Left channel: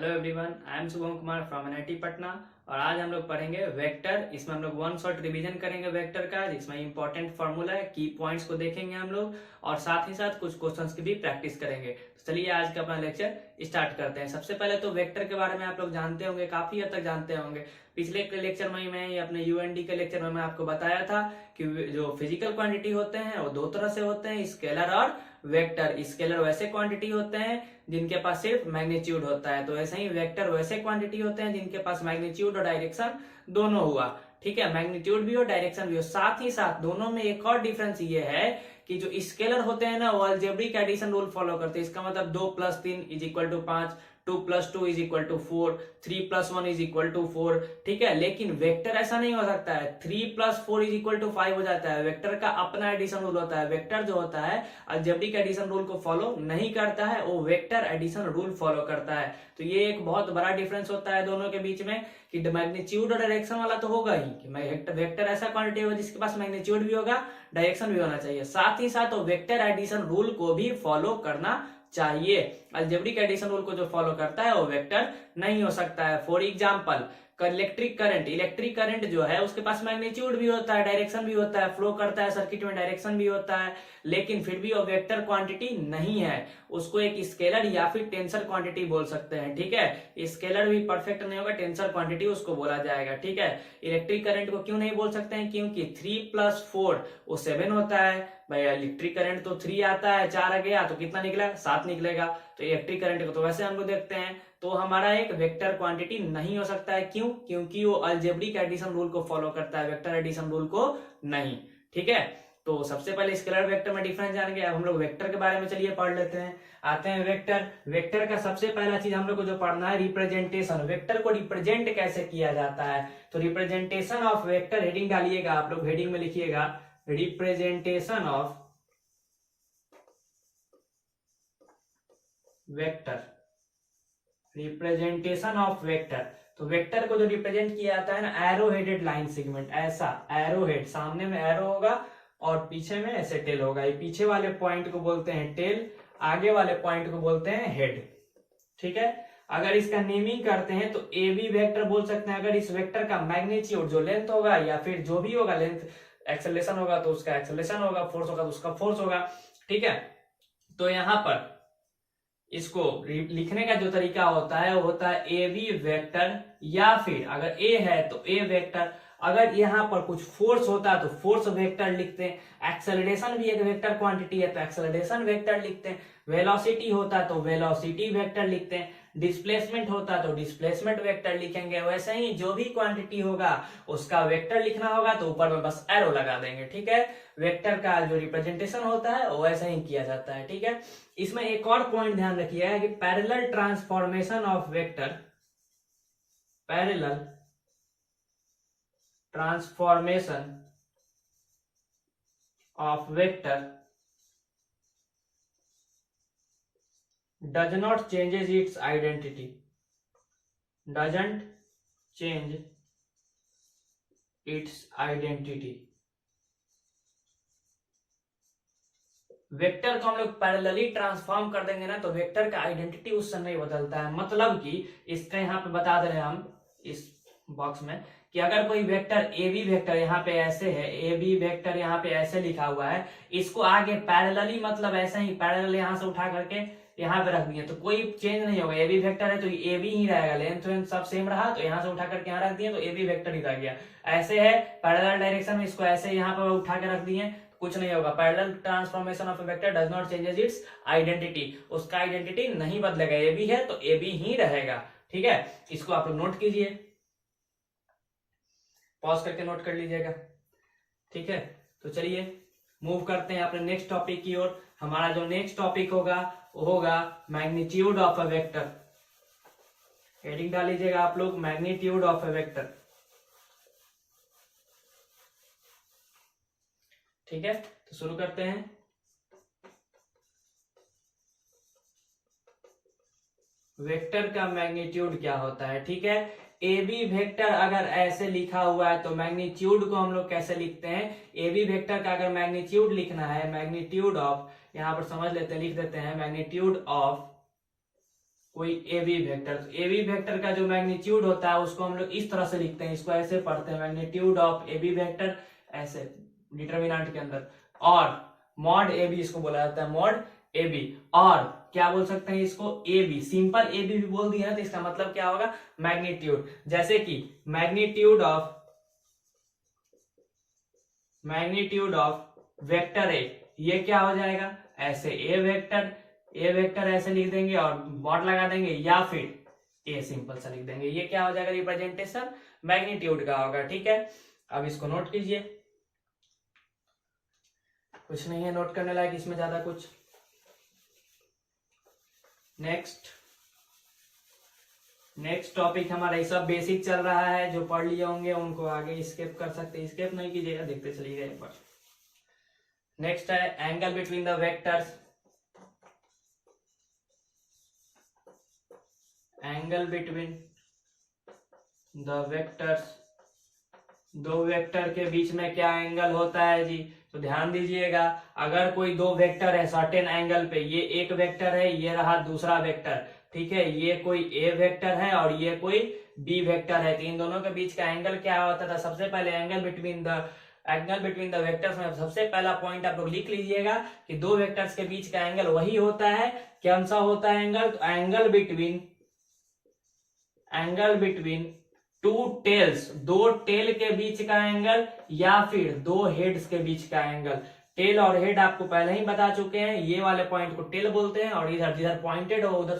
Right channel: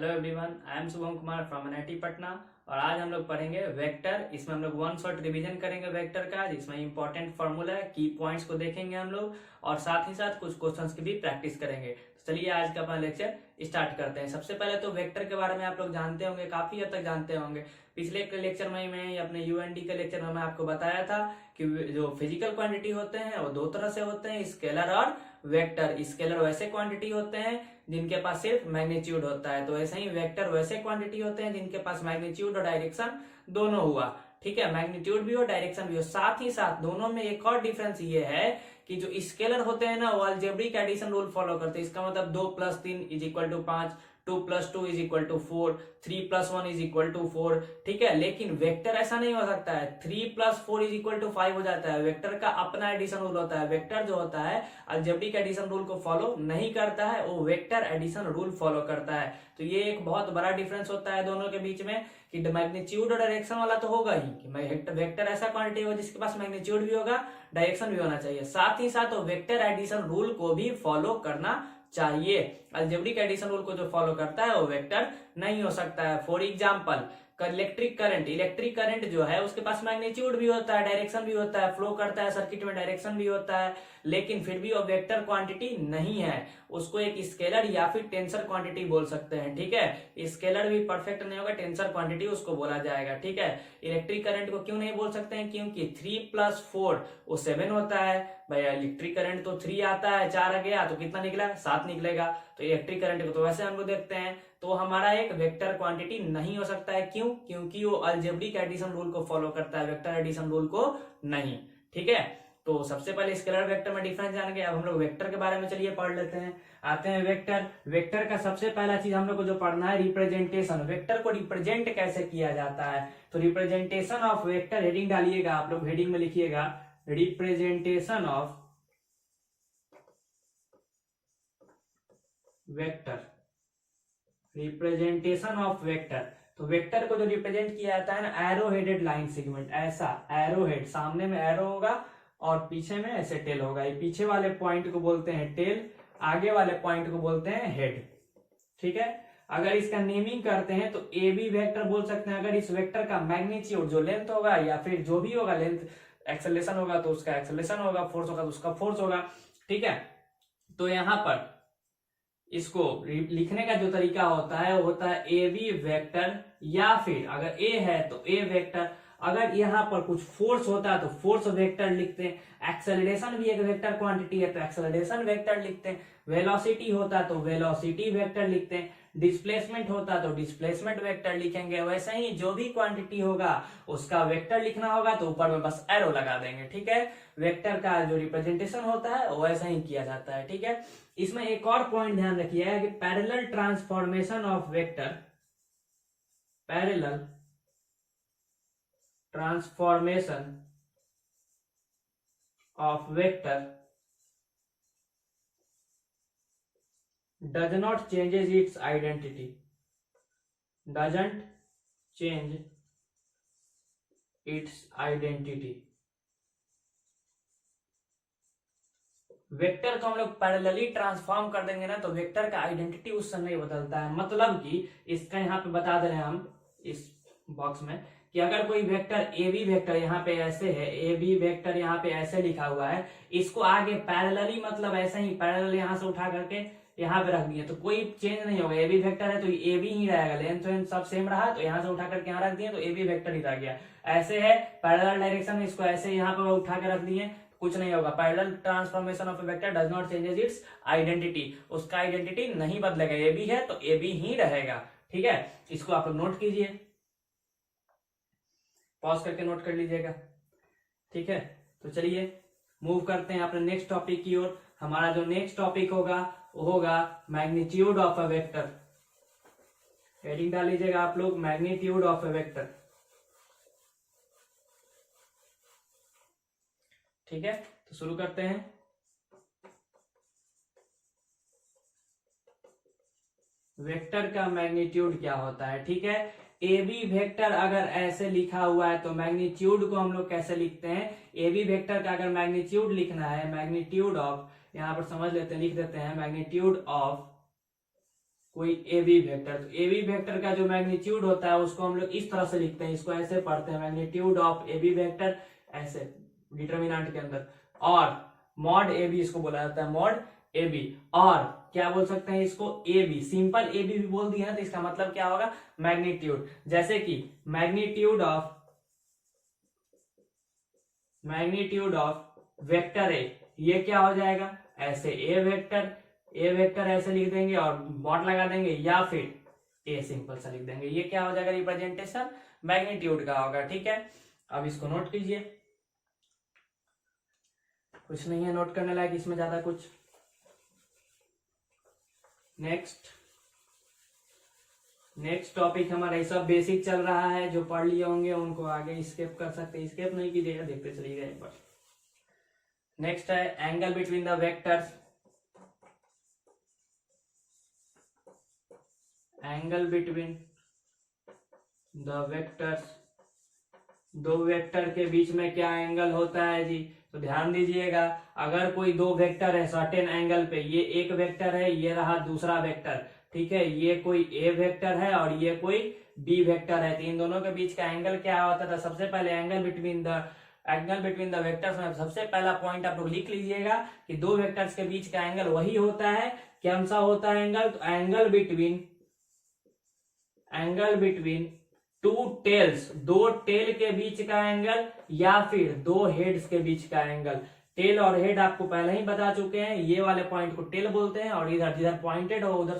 Hello everyone, I am Shubham Kumar from NIT Patna. और आज हम लोग पढ़ेंगे वेक्टर। इसमें हम लोग वन शॉट रिवीजन करेंगे वेक्टर का, जिसमें इंपॉर्टेंट फार्मूला है, की पॉइंट्स को देखेंगे हम लोग और साथ ही साथ कुछ क्वेश्चंस की भी प्रैक्टिस करेंगे। तो चलिए आज का अपना लेक्चर स्टार्ट करते हैं। सबसे पहले तो वेक्टर के बारे में आप लोग जानते होंगे, काफी हद तक जानते होंगे। पिछले के लेक्चर में मैं अपने यूएनडी के लेक्चर में मैं आपको बताया था कि जो फिजिकल क्वांटिटी होते हैं वो दो तरह से होते हैं, स्केलर और वेक्टर। स्केलर वैसे क्वांटिटी होते हैं जिनके पास सिर्फ मैग्नीट्यूड होता है, तो ऐसे ही वेक्टर वैसे क्वांटिटी होते हैं जिनके पास मैग्नीट्यूड और डायरेक्शन दोनों हुआ। ठीक है, मैग्नीट्यूड भी हो डायरेक्शन भी हो। साथ ही साथ दोनों में एक और डिफरेंस ये है कि जो स्केलर होते हैं ना वो अलजेब्रिक एडिशन रूल फॉलो करते हैं। इसका मतलब 2 + 3 = 5, 2 + 2 = 4, 3 + 1 = 4। ठीक है, लेकिन वेक्टर ऐसा नहीं हो सकता है। 3 + 4 = 5 हो जाता है। वेक्टर का अपना एडिशन रूल होता है। वेक्टर जो होता है अलजेब्रिक एडिशन रूल को फॉलो नहीं करता है, वो वेक्टर एडिशन रूल फॉलो करता है। तो ये एक बहुत बड़ा डिफरेंस होता है दोनों के बीच में कि मैग्नीट्यूड और डायरेक्शन वाला तो होगा ही कि वेक्टर ऐसा क्वांटिटी होगा जिसके पास मैग्नीट्यूड भी होगा, डायरेक्शन भी होना चाहिए। साथ ही साथ वो वेक्टर एडिशन रूल को भी फॉलो करना चाहिए। अलजेब्रिक एडिशन रूल को जो फॉलो करता है वो वेक्टर नहीं हो सकता है। फॉर एग्जांपल इलेक्ट्रिक करंट जो है उसके पास मैग्नीट्यूड भी होता है, डायरेक्शन भी होता है, फ्लो करता है सर्किट में, डायरेक्शन भी होता है, लेकिन फिर भी वो वेक्टर क्वांटिटी नहीं है। उसको एक स्केलर या फिर टेंसर क्वांटिटी बोल सकते हैं। ठीक है, स्केलर भी परफेक्ट नहीं होगा, टेंसर क्वांटिटी उसको बोला जाएगा। ठीक है, इलेक्ट्रिक करंट को क्यों नहीं बोल सकते हैं? क्योंकि 3 + 4 वो 7 होता है। भाई इलेक्ट्रिक करंट तो 3 आता है, 4 आ गया तो कितना निकला? 7 निकलेगा। तो इलेक्ट्रिक करंट को तो वैसे हम लोग देखते हैं, तो हमारा एक वेक्टर क्वांटिटी नहीं हो सकता है। क्यों? क्योंकि वो अलजेब्रिक एडिशन रूल को फॉलो करता है, वेक्टर एडिशन रूल को नहीं। ठीक है, तो सबसे पहले स्केलर वेक्टर में डिफरेंस जान गए। अब हम लोग वेक्टर के बारे में चलिए पढ़ लेते हैं। आते हैं वेक्टर का सबसे पहला चीज हम लोग को जो पढ़ना है रिप्रेजेंटेशन। वेक्टर को रिप्रेजेंट कैसे किया जाता है, तो रिप्रेजेंटेशन ऑफ वेक्टर, हेडिंग डालिएगा आप लोग, हेडिंग में लिखिएगा representation of vector. Representation of vector, तो वेक्टर को जो रिप्रेजेंट किया जाता है ना, एरो हेडेड लाइन सेगमेंट, ऐसा एरो हेड, सामने में एरो होगा और पीछे में ऐसे टेल होगा। ये पीछे वाले पॉइंट को बोलते हैं टेल, आगे वाले पॉइंट को बोलते हैं हेड। ठीक है, अगर इसका नेमिंग करते हैं तो ए बी वेक्टर बोल सकते हैं अगर इस वेक्टर का मैग्नीट्यूड जो लेंथ होगा या फिर जो भी होगा, लेंथ एक्सेलरेशन होगा तो उसका एक्सेलरेशन होगा, फोर्स होगा तो उसका फोर्स होगा। ठीक है, तो यहां पर इसको लिखने का जो तरीका होता है वो होता है ए बी वेक्टर, या फिर अगर ए है तो ए वेक्टर। अगर यहाँ पर कुछ फोर्स होता है तो फोर्स वेक्टर लिखते हैं। एक्सेलरेशन भी एक वेक्टर क्वांटिटी है तो एक्सेलरेशन वेक्टर लिखते हैं। वेलोसिटी होता है तो वेलोसिटी वेक्टर लिखते हैं। डिस्प्लेसमेंट होता है तो डिस्प्लेसमेंट वेक्टर लिखेंगे। वैसे ही जो भी क्वांटिटी होगा उसका वेक्टर लिखना होगा तो ऊपर में बस एरो लगा देंगे। ठीक है, वेक्टर का जो रिप्रेजेंटेशन होता है वो वैसा ही किया जाता है। ठीक है, इसमें एक और पॉइंट ध्यान रखिएगा कि parallel transformation of vector, parallel transformation of vector does not changes its identity, doesn't change its identity। Vector को हम लोग पैरेलली ट्रांसफॉर्म कर देंगे ना तो वेक्टर का आइडेंटिटी उस समय बदलता है। मतलब कि इसका यहाँ पे बता दे रहे हैं हम इस बॉक्स में कि अगर कोई वेक्टर ए बी वेक्टर यहाँ पे ऐसे है, ए बी वेक्टर यहाँ पे ऐसे लिखा हुआ है, इसको आगे पैरेलली मतलब ऐसे ही पैरेलल यहाँ से उठा करके यहाँ पे रख दिए तो कोई चेंज नहीं होगा। ए बी वेक्टर है तो ए बी ही रहेगा, लेंथ सब सेम रहा, तो यहाँ से उठा करके यहाँ रख दिए तो ए बी वेक्टर ही रह गया। ऐसे है पैरेलल डायरेक्शन में, इसको ऐसे यहाँ पे उठा के रख दिए, कुछ नहीं होगा। Parallel transformation of vector does not changes it's identity, उसका आइडेंटिटी नहीं बदलेगा। ए बी है तो ए बी ही रहेगा। ठीक है, इसको आप लोग नोट कीजिए, पॉज करके नोट कर लीजिएगा। ठीक है, तो चलिए मूव करते हैं अपने नेक्स्ट टॉपिक की ओर। हमारा जो नेक्स्ट टॉपिक होगा वो होगा magnitude of a vector. Heading डाल लीजिएगा आप लोग, मैग्नीट्यूड ऑफ अ वेक्टर। ठीक है, तो शुरू करते हैं। वेक्टर का मैग्नीट्यूड क्या होता है? ठीक है, ए बी वेक्टर अगर ऐसे लिखा हुआ है तो मैग्नीट्यूड को हम लोग कैसे लिखते हैं? ए बी वेक्टर का अगर मैग्नीट्यूड लिखना है, मैग्नीट्यूड ऑफ, यहां पर समझ लेते हैं, लिख देते हैं मैग्नीट्यूड ऑफ कोई ए बी वेक्टर, तो ए बी वेक्टर का जो मैग्नीट्यूड होता है उसको हम लोग इस तरह से लिखते हैं, इसको ऐसे पढ़ते हैं, magnitude of A B vector, ऐसे डिटरमिनेंट के अंदर, और मॉड ए बी इसको बोला जाता है, मॉड ए बी। और क्या बोल सकते हैं इसको, A B, simple A B भी बोल दिया है तो इसका मतलब क्या होगा, मैग्नीट्यूड। जैसे कि मैग्नीट्यूड ऑफ वेक्टर ए, ये क्या हो जाएगा, ऐसे ए वेक्टर ऐसे लिख देंगे और मॉड लगा देंगे, या फिर ए सिंपल सा लिख देंगे, ये क्या हो जाएगा, रिप्रेजेंटेशन मैग्नीट्यूड का होगा। ठीक है, अब इसको नोट कीजिए, कुछ नहीं है नोट करने लायक इसमें ज्यादा कुछ। नेक्स्ट टॉपिक हमारा ये सब बेसिक चल रहा है, जो पढ़ लिए होंगे उनको आगे स्किप कर सकते, स्किप नहीं कीजिएगा, देखते चलिएगा एक बार। नेक्स्ट है angle between the vectors. Angle between the vectors, दो वेक्टर के बीच में क्या एंगल होता है जी, तो ध्यान दीजिएगा, अगर कोई दो वेक्टर है सर्टेन एंगल पे, ये एक वेक्टर है, ये रहा दूसरा वेक्टर, ठीक है, ये कोई ए वेक्टर है और ये कोई बी वेक्टर है, तो इन दोनों के बीच का एंगल क्या होता था, सबसे पहले एंगल बिटवीन द वेक्टर्स में सबसे पहला पॉइंट आप लोग लिख लीजिएगा कि दो वेक्टर्स के बीच का एंगल वही होता है, कौन सा होता है एंगल, तो एंगल बिटवीन टू टेल्स, दो टेल के बीच का एंगल, या फिर दो हेड्स के बीच का एंगल। टेल और हेड आपको पहले ही बता चुके हैं, ये वाले पॉइंट को टेल बोलते हैं और इधर जिधर पॉइंटेड हो उधर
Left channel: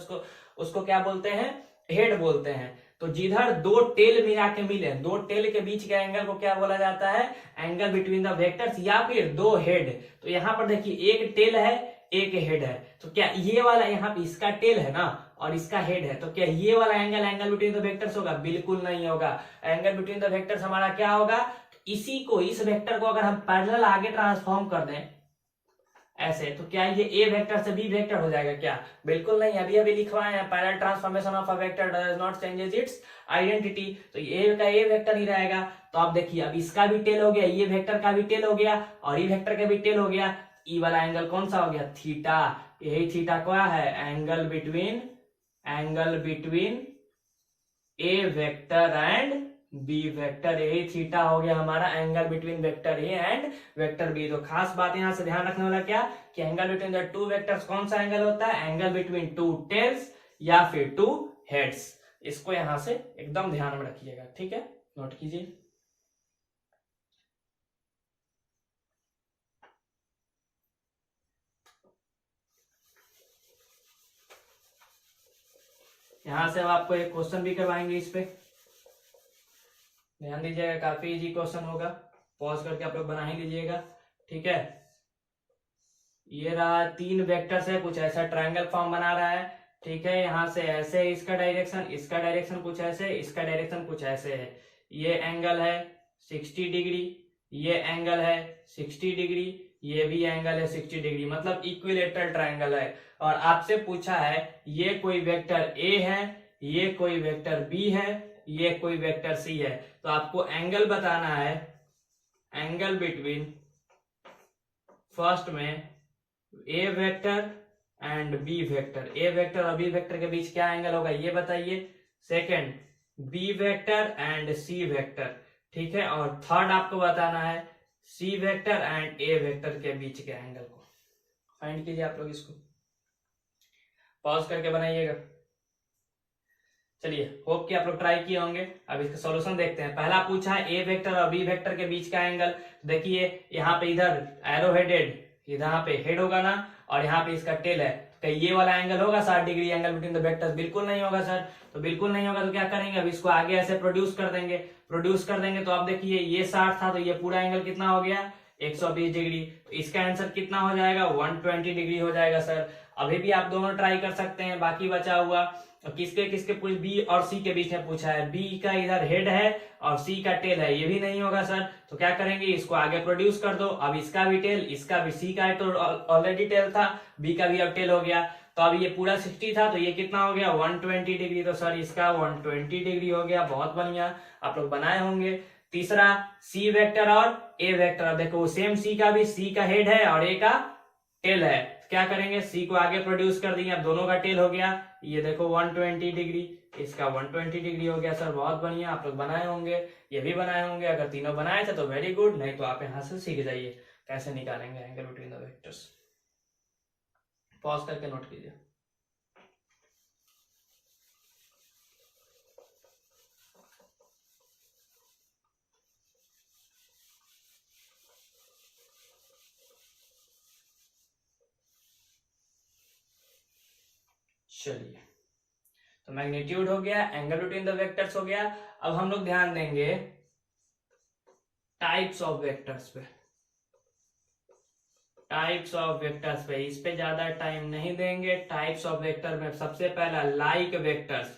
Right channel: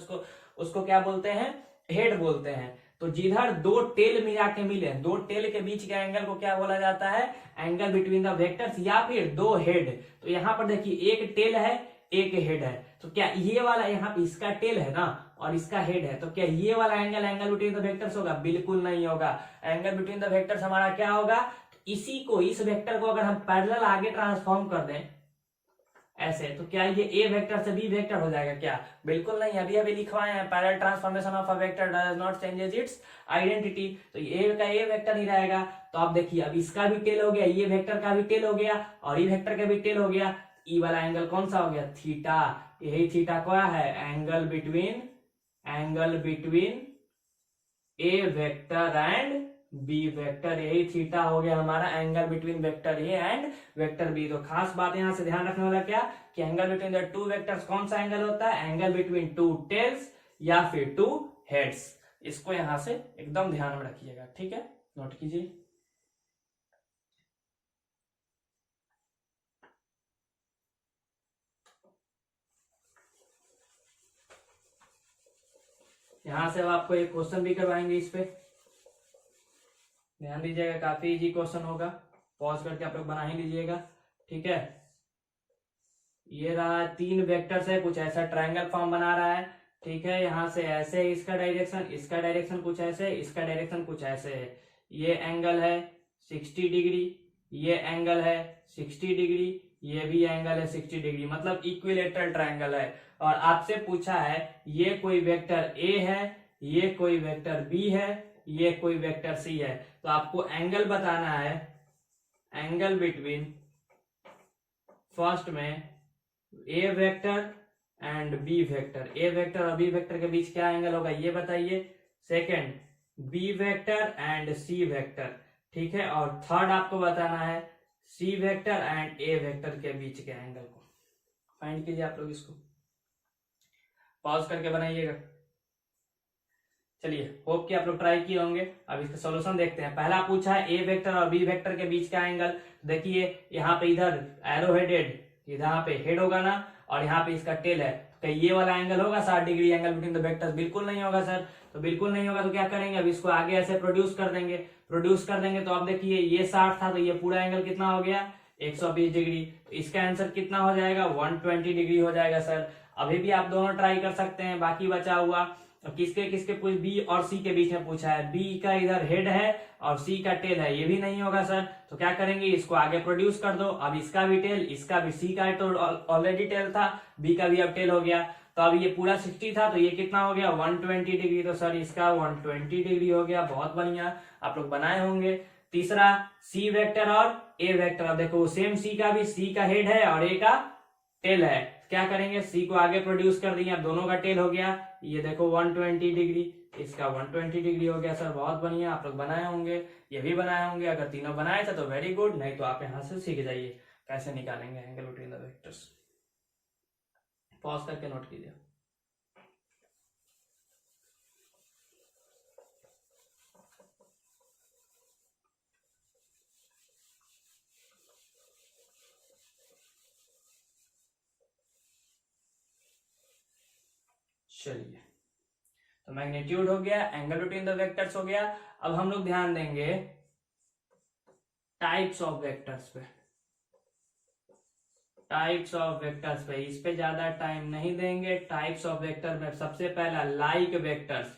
उसको क्या बोलते हैं, हेड बोलते हैं। तो जिधर दो टेल मिला के मिले, दो टेल के बीच के एंगल को क्या बोला जाता है, एंगल बिटवीन द वेक्टर्स, या फिर दो हेड। तो यहाँ पर देखिए एक टेल है एक हेड है, तो क्या ये वाला यहाँ पे इसका टेल है ना और इसका हेड है, तो क्या ये वाला एंगल बिटवीन द वेक्टर्स होगा, बिल्कुल नहीं होगा। एंगल बिटवीन द वेक्टर्स हमारा क्या होगा, इसी को, इस वेक्टर को अगर हम पैरेलल आगे ट्रांसफॉर्म कर दें ऐसे, तो क्या ये ए वेक्टर से बी वेक्टर हो जाएगा क्या, बिल्कुल नहीं। अभी लिखवाए हैं, parallel transformation of a vector does not changes it's identity, तो ए का ए वेक्टर ही रहेगा। तो आप देखिए, अब इसका भी टेल हो गया, ये वेक्टर का भी टेल हो गया और ई वेक्टर का भी टेल हो गया, ई वाला एंगल कौन सा हो गया, थीटा। यही थीटा क्या है, angle between A vector and B vector, यही थीटा हो गया हमारा angle between vector A and vector B. तो खास बात यहां से ध्यान रखने वाला क्या, कि angle between the two vectors कौन सा एंगल होता है, एंगल बिटवीन टू टेल्स या फिर टू हेड्स। इसको यहां से एकदम ध्यान में रखिएगा, ठीक है, नोट कीजिए। यहां से अब आपको एक क्वेश्चन भी करवाएंगे, इस पे ध्यान दीजिएगा, काफी इजी क्वेश्चन होगा, पॉज करके आप लोग बना ही लीजिएगा, ठीक है। ये रहा तीन वेक्टर्स है, कुछ ऐसा ट्रायंगल फॉर्म बना रहा है, ठीक है, यहां से ऐसे इसका डायरेक्शन कुछ ऐसे, इसका डायरेक्शन कुछ ऐसे है। ये एंगल है 60 डिग्री, ये एंगल है 60 डिग्री, ये भी एंगल है 60 डिग्री, मतलब इक्विलेटरल ट्रायंगल है। और आपसे पूछा है ये कोई वेक्टर ए है, ये कोई वेक्टर बी है, ये कोई वेक्टर सी है, तो आपको एंगल बताना है, एंगल बिटवीन फर्स्ट में A vector and B vector, A vector और बी वेक्टर के बीच क्या एंगल होगा ये बताइए। Second, B vector and C vector, ठीक है, और थर्ड आपको बताना है C vector and A vector के बीच के एंगल को फाइंड कीजिए। आप लोग इसको पॉज करके बनाइएगा। चलिए, होप कि आप लोग ट्राई किए होंगे। अब इसका सॉल्यूशन देखते हैं। पहला पूछा है ए वेक्टर और बी वेक्टर के बीच का एंगल, देखिए यहाँ पे इधर एरो हेडेड, यहाँ पे हेड होगा ना, और यहाँ पे इसका टेल है, तो ये वाला एंगल होगा 60 degree angle between the vectors, बिल्कुल नहीं होगा सर। तो बिल्कुल नहीं होगा तो क्या करेंगे, अब इसको आगे ऐसे प्रोड्यूस कर देंगे, तो अब देखिए ये 60 था, तो ये पूरा एंगल कितना हो गया 120 डिग्री, तो इसका आंसर कितना हो जाएगा 120 डिग्री हो जाएगा सर। अभी भी आप दोनों ट्राई कर सकते हैं, बाकी बचा हुआ किसके बी और सी के बीच में पूछा है, बी का इधर हेड है और सी का टेल है, ये भी नहीं होगा सर। तो क्या करेंगे, इसको आगे प्रोड्यूस कर दो, अब इसका भी टेल, इसका भी, सी का तो ऑलरेडी टेल था, बी का भी अब टेल हो गया, तो अब ये पूरा 60 था, तो ये कितना हो गया 120 डिग्री, तो सर इसका 120 डिग्री हो गया। बहुत बढ़िया, आप लोग बनाए होंगे। तीसरा, सी वेक्टर और ए वेक्टर, अब देखो सेम सी का भी, सी का हेड है और ए का टेल है, क्या करेंगे, सी को आगे प्रोड्यूस कर दिए, अब दोनों का टेल हो गया, ये देखो 120 डिग्री, इसका 120 डिग्री हो गया। सर बहुत बढ़िया, आप लोग बनाए होंगे, ये भी बनाए होंगे। अगर तीनों बनाए थे तो वेरी गुड, नहीं तो आप यहाँ से सीख जाइए कैसे निकालेंगे angle between the vectors. Pause करके नोट कीजिए। चलिए, तो मैग्नीट्यूड हो गया, एंगल बिटवीन द वेक्टर्स हो गया। अब हम लोग ध्यान देंगे टाइप्स ऑफ वेक्टर्स पे, टाइप्स ऑफ वेक्टर्स पे, इस पे ज्यादा टाइम नहीं देंगे। टाइप्स ऑफ वेक्टर में सबसे पहला लाइक वेक्टर्स।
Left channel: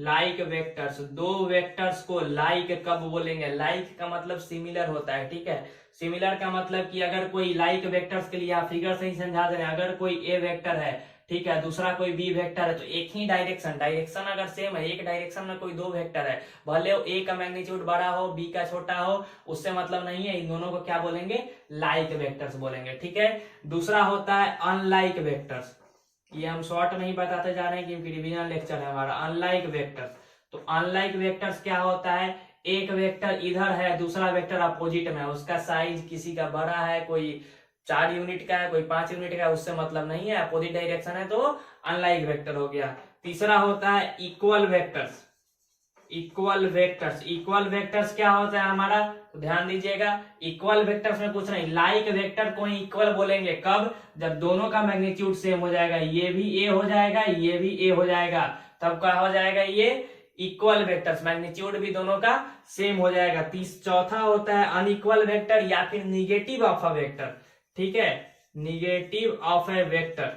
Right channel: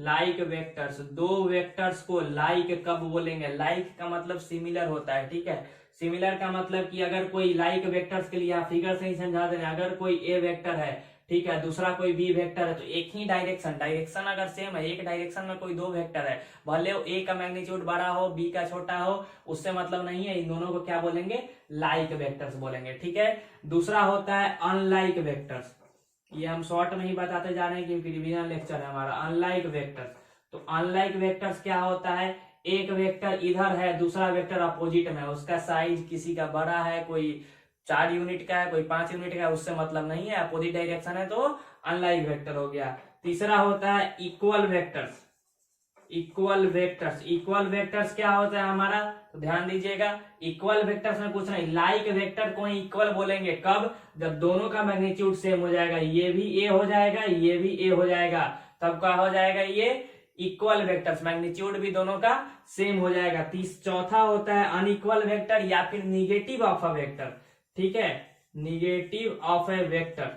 लाइक वेक्टर्स, दो वेक्टर्स को लाइक कब बोलेंगे, लाइक का मतलब सिमिलर होता है, ठीक है। सिमिलर का मतलब कि अगर कोई लाइक वेक्टर्स के लिए आप फिगर से ही समझा दे रहे हैं, अगर कोई ए वेक्टर है, ठीक है, दूसरा कोई बी वेक्टर है, तो एक ही डायरेक्शन, डायरेक्शन अगर सेम है, एक डायरेक्शन में कोई दो वेक्टर है, भले वो ए का मैग्नीट्यूड बड़ा हो बी का छोटा हो, उससे मतलब नहीं है, इन दोनों को क्या बोलेंगे, लाइक वेक्टर्स बोलेंगे, ठीक है। दूसरा होता है अनलाइक वेक्टर्स, ये हम शॉर्ट में ही बताते जा रहे हैं क्योंकि रिवीजन लेक्चर है हमारा। अनलाइक वेक्टर्स, तो अनलाइक वेक्टर्स क्या होता है, एक वेक्टर इधर है, दूसरा वेक्टर अपोजिट में है, उसका साइज किसी का बड़ा है, कोई 4 यूनिट का है, कोई 5 यूनिट का है, उससे मतलब नहीं है, अपोजिट डायरेक्शन है, तो अनलाइक वेक्टर हो गया। तीसरा होता है equal vectors. Equal vectors, equal vectors क्या होता है हमारा, तो ध्यान दीजिएगा, इक्वल वेक्टर्स में पूछ रहे हैं, लाइक वेक्टर को इक्वल बोलेंगे कब, जब दोनों का मैग्नीट्यूड सेम हो जाएगा, ये भी ए हो जाएगा, ये भी ए हो जाएगा, तब क्या हो जाएगा, ये इक्वल वेक्टर्स, मैग्नीट्यूड भी दोनों का सेम हो जाएगा। चौथा होता है अनइक्वल वेक्टर या फिर निगेटिव ऑफ अ वेक्टर, ठीक है, निगेटिव ऑफ ए वेक्टर।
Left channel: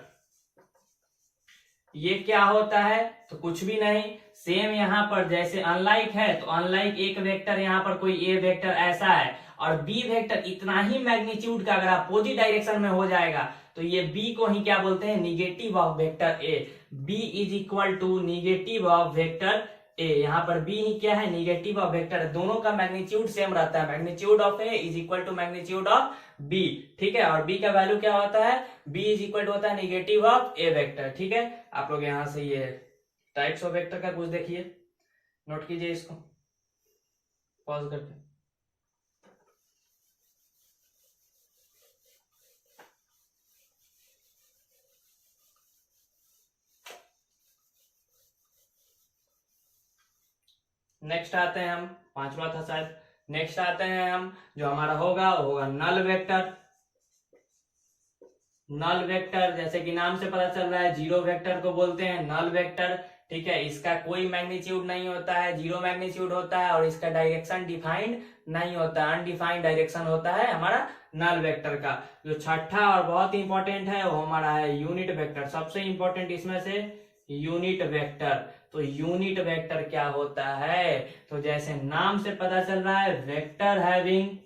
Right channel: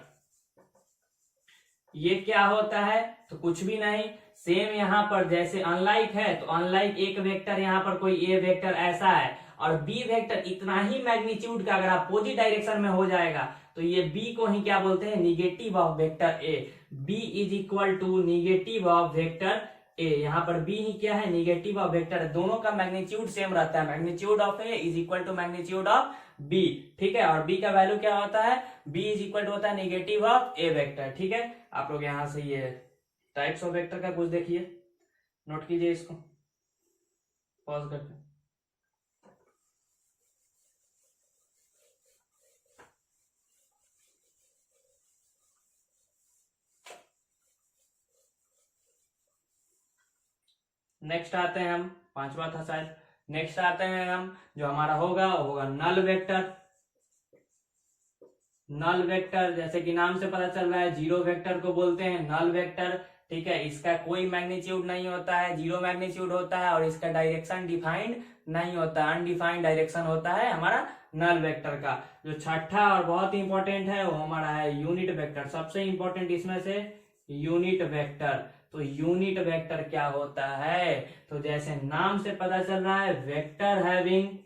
ये क्या होता है, तो कुछ भी नहीं, सेम यहाँ पर जैसे अनलाइक है, तो अनलाइक एक वेक्टर यहाँ पर कोई ए वेक्टर ऐसा है और बी वेक्टर इतना ही मैग्नीट्यूड का अगर अपोजिट डायरेक्शन में हो जाएगा, तो ये बी को ही क्या बोलते हैं, negative of vector A. B is equal to negative of vector A, यहाँ पर बी ही क्या है, निगेटिव ऑफ वेक्टर, दोनों का मैग्नीट्यूड सेम रहता है, magnitude of A is equal to magnitude of B, ठीक है। और बी का वैल्यू क्या होता है, बी इज इक्वल टू होता है निगेटिव ऑफ ए वेक्टर, ठीक है। आप लोग यहां से ये टाइप्स ऑफ वेक्टर का कुछ देखिए, नोट कीजिए इसको पॉज करके। नेक्स्ट आते हैं हम, पांचवा था शायद, नेक्स्ट आते हैं हम, जो हमारा होगा वो होगा नल वेक्टर। नल वेक्टर, जैसे कि नाम से पता चल रहा है, जीरो वेक्टर को बोलते हैं नल वेक्टर, ठीक है। इसका कोई मैग्नीट्यूड नहीं होता है, जीरो मैग्नीट्यूड होता है, और इसका डायरेक्शन डिफाइंड नहीं होता है, अनडिफाइंड डायरेक्शन होता है हमारा नल वेक्टर का। जो छठा और बहुत इंपॉर्टेंट है वो हमारा है यूनिट वेक्टर, सबसे इंपॉर्टेंट इसमें से यूनिट वेक्टर। तो यूनिट वेक्टर क्या होता है, तो जैसे नाम से पता चल रहा है, vector having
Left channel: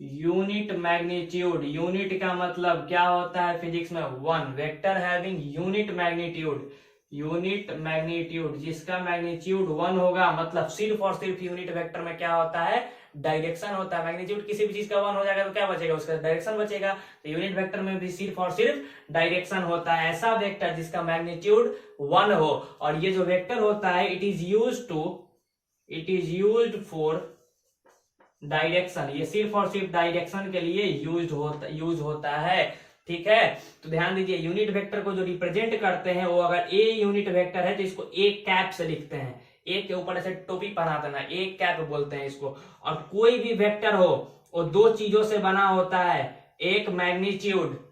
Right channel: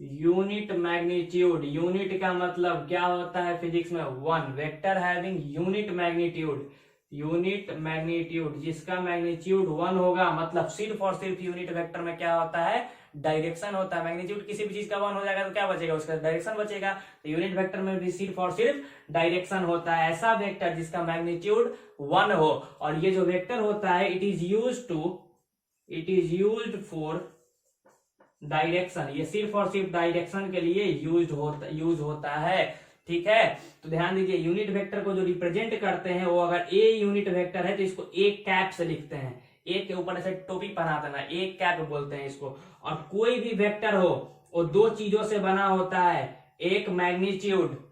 unit magnitude. Unit का मतलब क्या होता है फिजिक्स में, one. Vector having unit magnitude, unit magnitude जिसका मैग्नीट्यूड वन होगा, मतलब सिर्फ और सिर्फ यूनिट वेक्टर में क्या होता है, डायरेक्शन होता है। मैग्नीट्यूड किसी भी चीज का वन हो जाएगा तो क्या बचेगा, उसका डायरेक्शन बचेगा। तो यूनिट वेक्टर में भी सिर्फ और सिर्फ डायरेक्शन होता है। ऐसा वेक्टर जिसका मैग्नीट्यूड वन हो, और ये जो वेक्टर होता है it is used for direction, ये सिर्फ और सिर्फ डायरेक्शन के लिए यूज होता है, ठीक है। तो ध्यान दीजिए, यूनिट वेक्टर को जो रिप्रेजेंट करते हैं वो अगर ए यूनिट वेक्टर है तो इसको ए कैप से लिखते हैं, ए के ऊपर ऐसे टोपी पहना देना, ए कैप बोलते हैं इसको। और कोई भी वेक्टर हो वो दो चीजों से बना होता है, एक मैग्नीट्यूड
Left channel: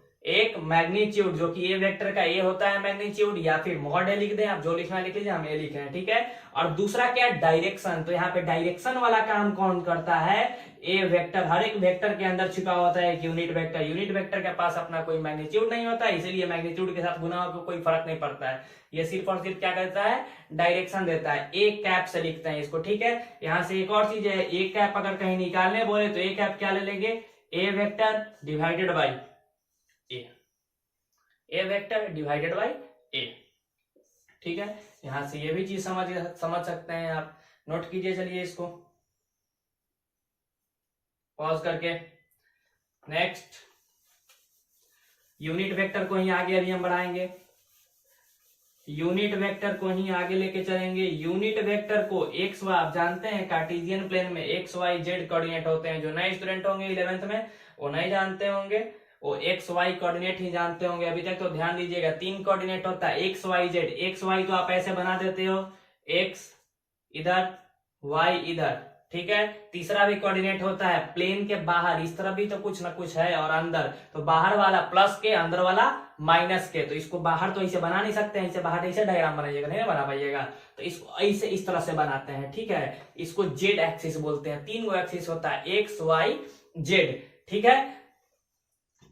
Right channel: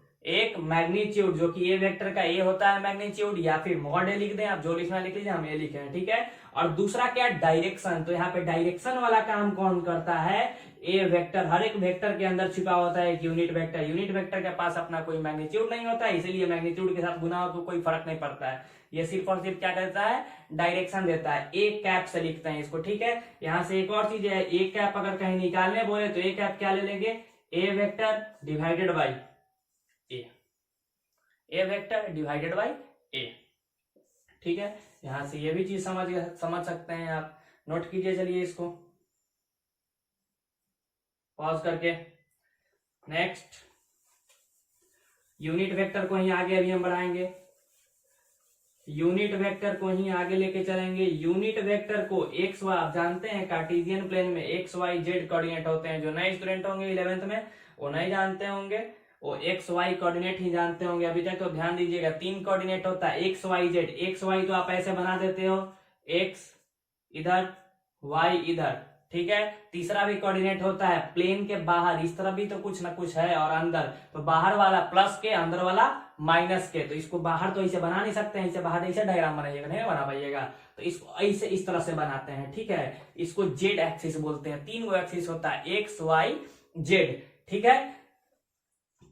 जो कि ए वेक्टर का ए होता है मैग्नीट्यूड, या फिर मॉड ए लिख दें, आप जो लिखना लिख लीजिए, हम ए लिखे हैं, ठीक है। और दूसरा क्या, डायरेक्शन। तो यहाँ पे डायरेक्शन वाला काम कौन करता है, ए वेक्टर। हर एक वेक्टर के अंदर छिपा होता है एक यूनिट वेक्टर। यूनिट वेक्टर के पास अपना कोई मैग्नीट्यूड नहीं होता है, इसीलिए मैग्नीट्यूड के साथ गुना हो कोई फर्क नहीं पड़ता है, ये सिर्फ और सिर्फ क्या करता है, डायरेक्शन देता है। ए कैप से लिखते हैं इसको, ठीक है। यहाँ से एक और चीज है, ए कैप अगर कहीं निकालने बोले तो ए कैप क्या ले लेंगे, A vector divided by A vector divided by A, ठीक है। यहां से ये भी चीज समझ सकते हैं आप, नोट कीजिए। चलिए इसको पॉज करके, नेक्स्ट यूनिट वेक्टर को ही आगे अभी हम बढ़ाएंगे, यूनिट वेक्टर को ही आगे लेके चलेंगे। यूनिट वेक्टर को एक्स वाई, आप जानते हैं कार्टेशियन प्लेन में एक्स वाई जेड कोऑर्डिनेट होते हैं। जो नए स्टूडेंट होंगे 11th में वो नहीं जानते होंगे, वो एक्स वाई कोऑर्डिनेट ही जानते होंगे अभी तक। तो ध्यान दीजिएगा 3 कोऑर्डिनेट होता है X Y Z. X Y तो आप ऐसे बना देते हो, एक्स इधर वाई इधर, ठीक है। तीसरा भी कोऑर्डिनेट होता है प्लेन के बाहर, इस तरफ भी तो कुछ ना कुछ है और अंदर, तो बाहर वाला प्लस के अंदर वाला माइनस के। तो इसको बाहर तो ऐसे बना नहीं सकते हैं, इसे बाहर ऐसे डायग्राम बनाइएगा, नहीं बना पाइएगा। तो इसको ऐसे इस तरह से बनाते हैं, ठीक है। इसको जेड एक्सिस बोलते हैं। 3 गो एक्सिस होता है एक्स वाई जेड, ठीक है।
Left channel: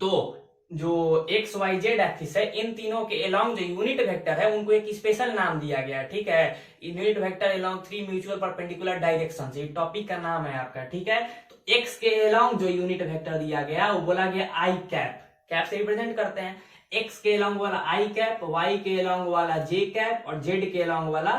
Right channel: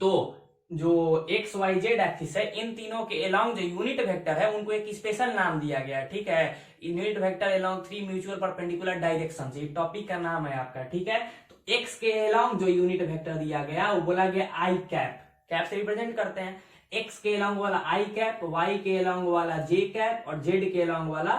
तो जो एक्स वाई जेड एक्सिस है, इन तीनों के अलोंग जो यूनिट वेक्टर है उनको एक स्पेशल नाम दिया गया, ठीक है। Unit vector along 3 mutual perpendicular directions, ये टॉपिक का नाम है आपका, ठीक है। तो एक्स के अलोंग जो यूनिट वेक्टर दिया गया वो बोला गया आई कैप, कैप से रिप्रेजेंट करते हैं। एक्स के अलोंग वाला आई कैप, वाई के अलोंग वाला जे कैप और जेड के अलोंग वाला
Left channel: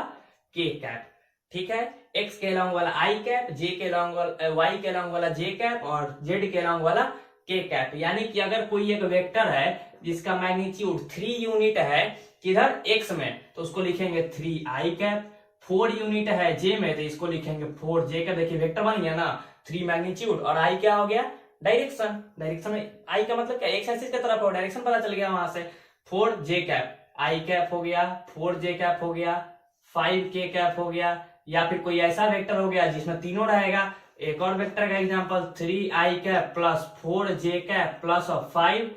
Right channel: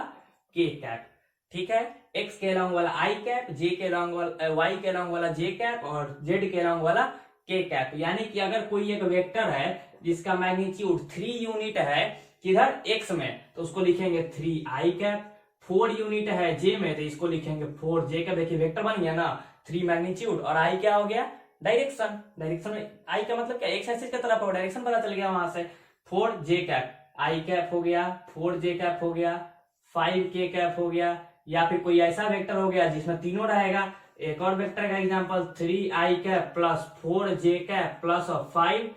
के कैप, ठीक है। एक्स के अलोंग वाला आई कैप, जे के अलोंग वाला, वाई के अलोंग वाला जे कैप और जेड के अलोंग वाला के कैप। यानी कि अगर कोई एक वेक्टर है जिसका मैग्नीट्यूड 3 यूनिट है किधर एक्स में, तो उसको लिखेंगे 3 आई कैप। 4 यूनिट है जे में, तो इसको लिखेंगे 4 जे कैप। देखिए वेक्टर बन गया ना, 3 मैग्नीट्यूड और आई क्या हो गया, डायरेक्शन। डायरेक्शन आई का मतलब क्या, एक्स एक्सिस की तरफ हो, डायरेक्शन पता चल गया वहां से। 4 जे कैप आई कैप हो गया, 4 जे कैप हो गया, 5 के कैप हो गया। या फिर कोई ऐसा वेक्टर हो गया जिसमें तीनों रहेगा। एक और वेक्टर का एग्जांपल 3 आई कैप प्लस 4 जे कैप प्लस 5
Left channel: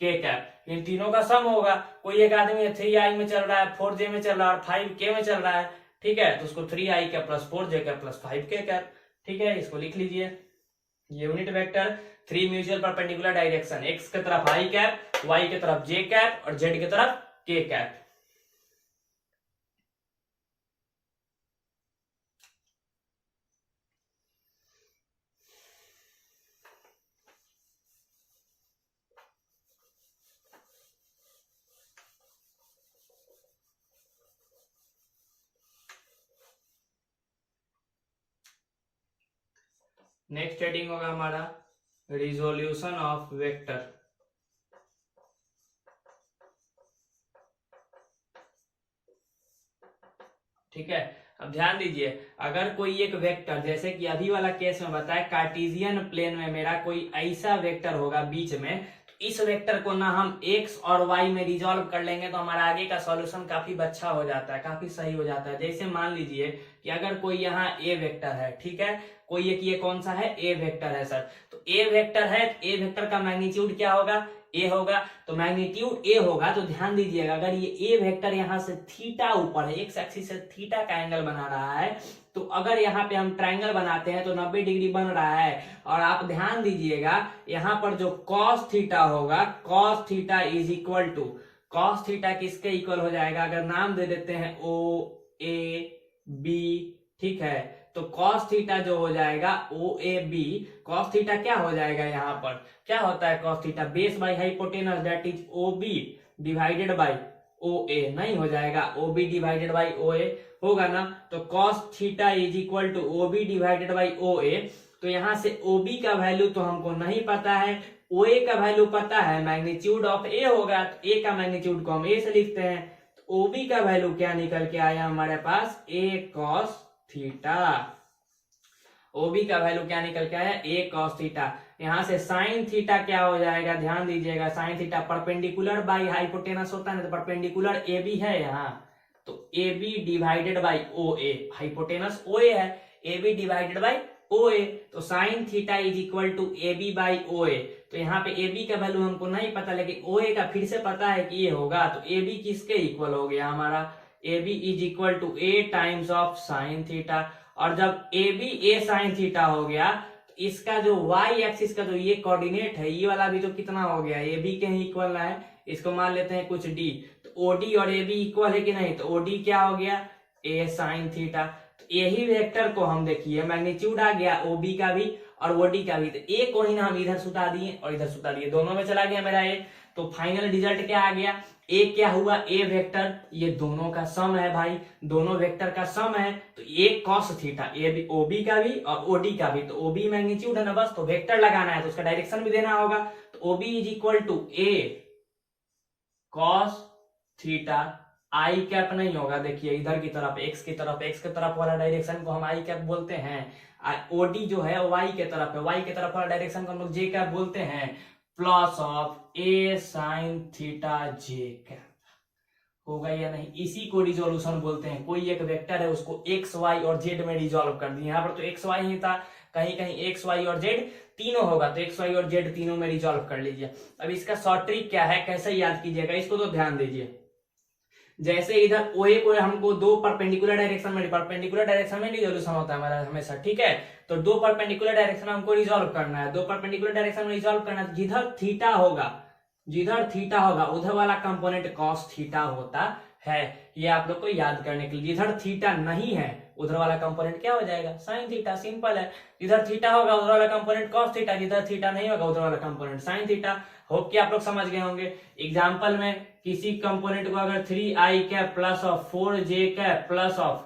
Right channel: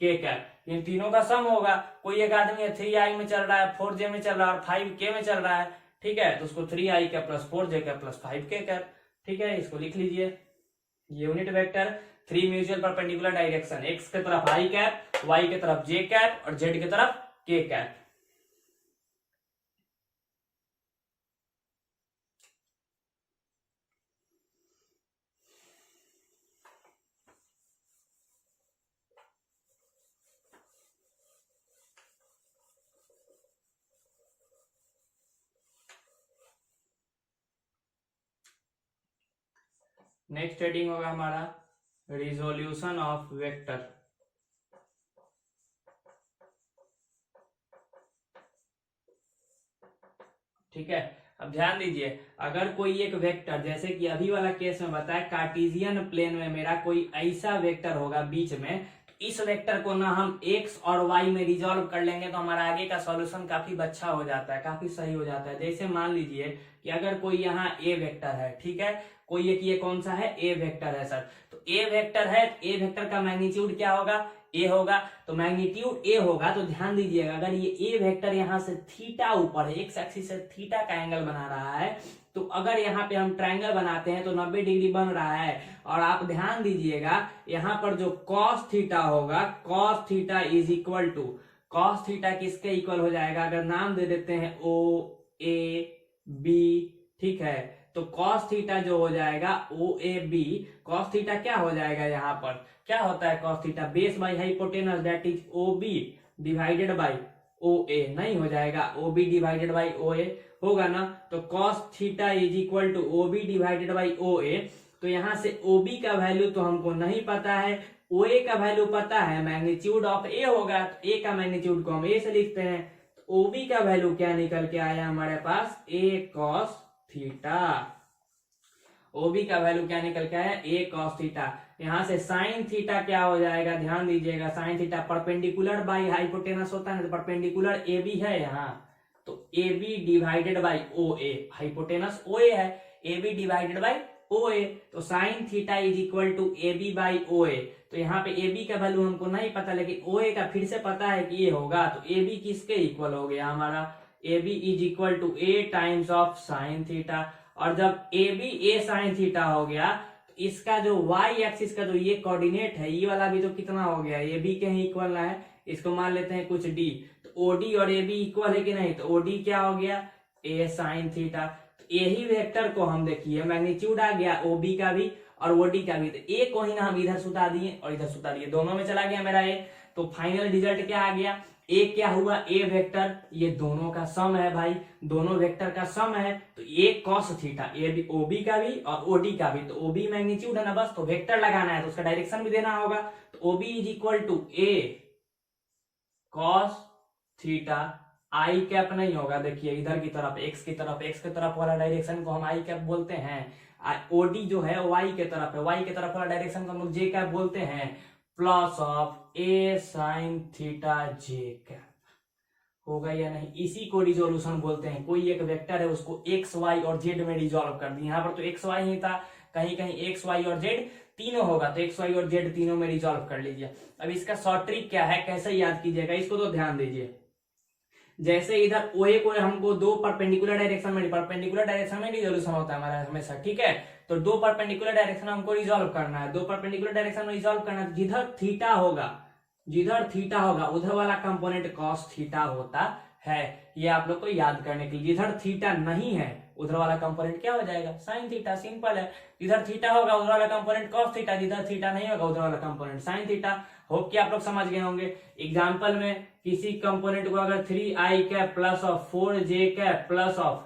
के कैप, इन तीनों का सम होगा। कोई एक आदमी 3 आई में चल रहा है, 4 जे में चल रहा है और 5 के में चल रहा है, ठीक है। तो उसको 3 आई कैप प्लस 4 जे कैप प्लस 5 के कैप, ठीक है। इसको लिख लीजिए, unit vector 3 mutual perpendicular direction, x की तरफ आई कैप, वाई की तरफ जे कैप और जेड की तरफ के कैप। नेक्स्ट हेडिंग होगा हमारा रिजोल्यूशन ऑफ वेक्टर, ठीक है। अब ध्यान दीजिए, अगर कोई एक वेक्टर, जैसे कि अभी वाला केस में बताया कार्टेशियन प्लेन में मेरा कोई ऐसा वेक्टर होगा बीच में, तो इस वेक्टर को ना हम एक्स और वाई में रिजॉल्व कर लेंगे तो हमारा आगे का सॉल्यूशन काफी अच्छा हो जाता है, काफी सही हो जाता है। जैसे मान लीजिए कि अगर कोई यहाँ ए वेक्टर है, ठीक है, कोई एक ये कौन सा है, ए वेक्टर है सर। तो ए वेक्टर है, ए वेक्टर का मैग्नीट्यूड क्या होगा, ए होगा। तो मैग्नीट्यूड ए होगा, तो ध्यान दीजिएगा अगर ये ए वेक्टर यहाँ से थीटा ऊपर है, एक्स एक्सिस से थीटा का एंगल बना रहा है, तो अगर यहाँ पे हम ट्रायंगल बनाते हैं तो 90 डिग्री बन रहा है। और आप ध्यान दीजिएगा यहाँ पर जो कॉस थीटा होगा, cos theta is equal to, cos theta किसके इक्वल हो जाएगा, अगर नाम दे देते हैं ओ ए बी, ठीक है। तो कॉस थीटा जो हो जाएगा O A B, cos theta क्या हो जाएगा, यहाँ पर क्या होता है cos theta, base by hypotenuse that is O B divided by O A, नहीं हो जाएगा O B divided by O A, होगा ना। तो cos theta is equal to O B divided by O A. तो यहाँ से ओ बी का वैल्यू तो हमको नहीं पता है, ओ ए का वैल्यू पता है, मैग्नीट्यूड ऑफ ए होगा, तो ए का मैग्नीट्यूड को हम ए से लिखते हैं। तो ओ बी का वैल्यू क्या निकल के आया हमारे पास, ए कॉस थीटा। ओबी का वैल्यू क्या निकल के आया, ए कॉस थीटा। यहाँ से साइन थीटा क्या हो जाएगा, ध्यान दीजिएगा, sine theta perpendicular by hypotenuse होता है ना, तो परपेंडिकुलर ए बी है यहाँ, तो A B divided by O A, hypotenuse O A है, A B divided by O A. तो sine theta is equal to A B by O A. तो यहाँ पे ए बी का वैल्यू हमको नहीं पता, लेकिन ओ ए का फिर से पता है कि ये होगा। तो ए बी किसके इक्वल हो गया हमारा, A B is equal to A times of sine theta. और जब A B A sine theta हो गया, तो इसका जो वाई एक्सिस का जो ये कोऑर्डिनेट है, ये वाला भी तो कितना हो गया, ए बी के ही इक्वल है। इसको मान लेते हैं कुछ डी, तो ओडी और ए बी इक्वल है कि नहीं, तो ओडी क्या हो गया, ए साइन थीटा। तो यही वेक्टर को हम देखिए मैग्नीट्यूड आ गया ओ बी का भी और ओडी का भी, तो ए को ही ना हम इधर सुता दिए और इधर सुता दिए, दोनों में चला गया मेरा ए। तो फाइनल रिजल्ट क्या आ गया, ए क्या हुआ, ए वेक्टर, ये दोनों का सम है भाई, दोनों वेक्टर का सम है। तो A cos theta, A B O B का भी और ओडी का भी, तो ओ बी मैग्नीट्यूड है ना बस, तो वेक्टर लगाना है तो उसका डायरेक्शन भी देना होगा। तो O B is equal to A cos theta I cap नहीं होगा। देखिए इधर की तरफ एक्स की तरफ वाला डायरेक्शन को हम आई कैप बोलते हैं। ओडी जो है वाई के तरफ है, वाई के तरफ वाला डायरेक्शन को हम लोग जे कैप बोलते हैं। Plus of A sine theta J cap होगा या नहीं, इसी को रिजोल्यूशन बोलते हैं। कोई एक वेक्टर है उसको एक्स वाई और जेड में रिजोल्व कर दिया। यहाँ पर तो एक्स वाई ही था, कहीं कहीं एक्स वाई और जेड तीनों होगा, तो एक्स वाई और जेड तीनों में रिजोल्व कर लीजिए। अब इसका शॉर्ट ट्रिक क्या है, कैसे याद कीजिएगा इसको, तो ध्यान दीजिए। जैसे इधर ओए को हमको दो परपेंडिकुलर डायरेक्शन में रिजोल्यूशन होता है हमारा हमेशा, ठीक है। तो दो परपेंडिकुलर डायरेक्शन हमको रिजोल्व करना है, दो परपेंडिकुलर डायरेक्शन में रिजोल्व करना है। जिधर थीटा होगा उधर वाला कंपोनेंट कॉस थीटा होता है। ये आप लोग को याद करने के लिए, जिधर थीटा नहीं है उधर वाला कंपोनेंट क्या हो जाएगा, साइन थीटा। सिंपल है, जिधर थीटा होगा उधर वाला कंपोनेंट कॉस थीटा, जिधर थीटा नहीं होगा उधर वाला कंपोनेंट साइन थीटा। होप कि आप लोग समझ गए होंगे। एग्जाम्पल में किसी कंपोनेंट को अगर 3i cap plus of 4j cap plus of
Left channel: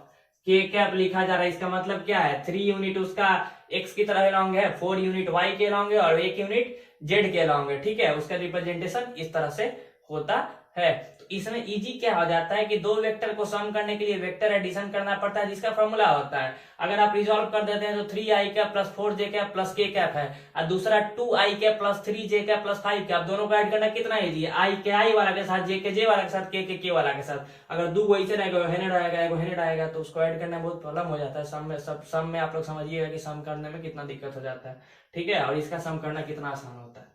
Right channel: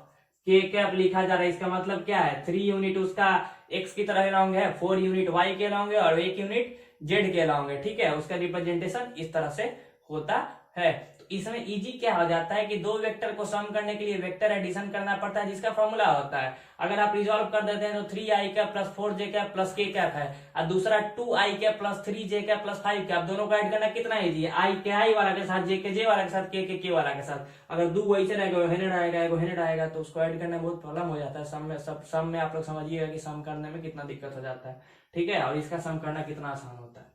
k cap लिखा जा रहा है, इसका मतलब क्या है, 3 यूनिट उसका x की तरह लॉन्ग है, 4 यूनिट y के लॉन्ग है और 1 यूनिट z के लॉन्ग है, ठीक है। उसका रिप्रेजेंटेशन इस तरह से होता है। तो इसमें इजी क्या हो जाता है कि दो वेक्टर को सम करने के लिए वेक्टर एडिशन करना पड़ता है, जिसका फॉर्मूला होता है। अगर आप रिजॉल्व कर देते हैं तो 3i cap plus 4j cap plus k cap है, और दूसरा 2i cap plus 3j cap plus 5 cap, दोनों को ऐड करना कितना इजी है, i के i वाला के साथ, j के j वाला के साथ, k के k वाला के साथ। अगर दो वैसे रहेगा, हेनेड आएगा तो उसको ऐड करना बहुत प्रॉब्लम हो जाता है। सम में आप लोग समझिएगा कि सम करने में कितना दिक्कत हो जाता है, ठीक है, और इसका सम करना कितना आसान होता है,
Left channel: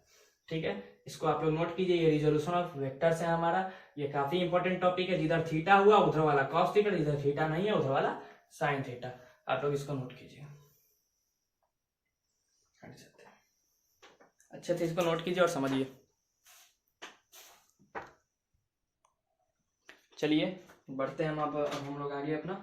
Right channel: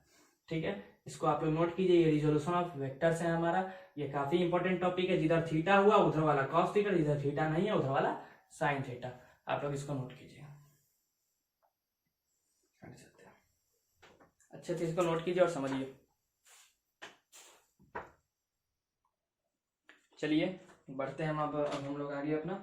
ठीक है। इसको आप लोग नोट कीजिए, ये रिजोल्यूशन ऑफ वेक्टर्स है हमारा। ये काफी इंपॉर्टेंट टॉपिक है। जिधर थीटा हुआ उधर वाला कॉस थीटा, जिधर थीटा नहीं है उधर वाला साइन थीटा। आप लोग इसको नोट कीजिए। अच्छे से इसको नोट कीजिए और समझिए। चलिए बढ़ते हैं अब हम लोग आगे अपना,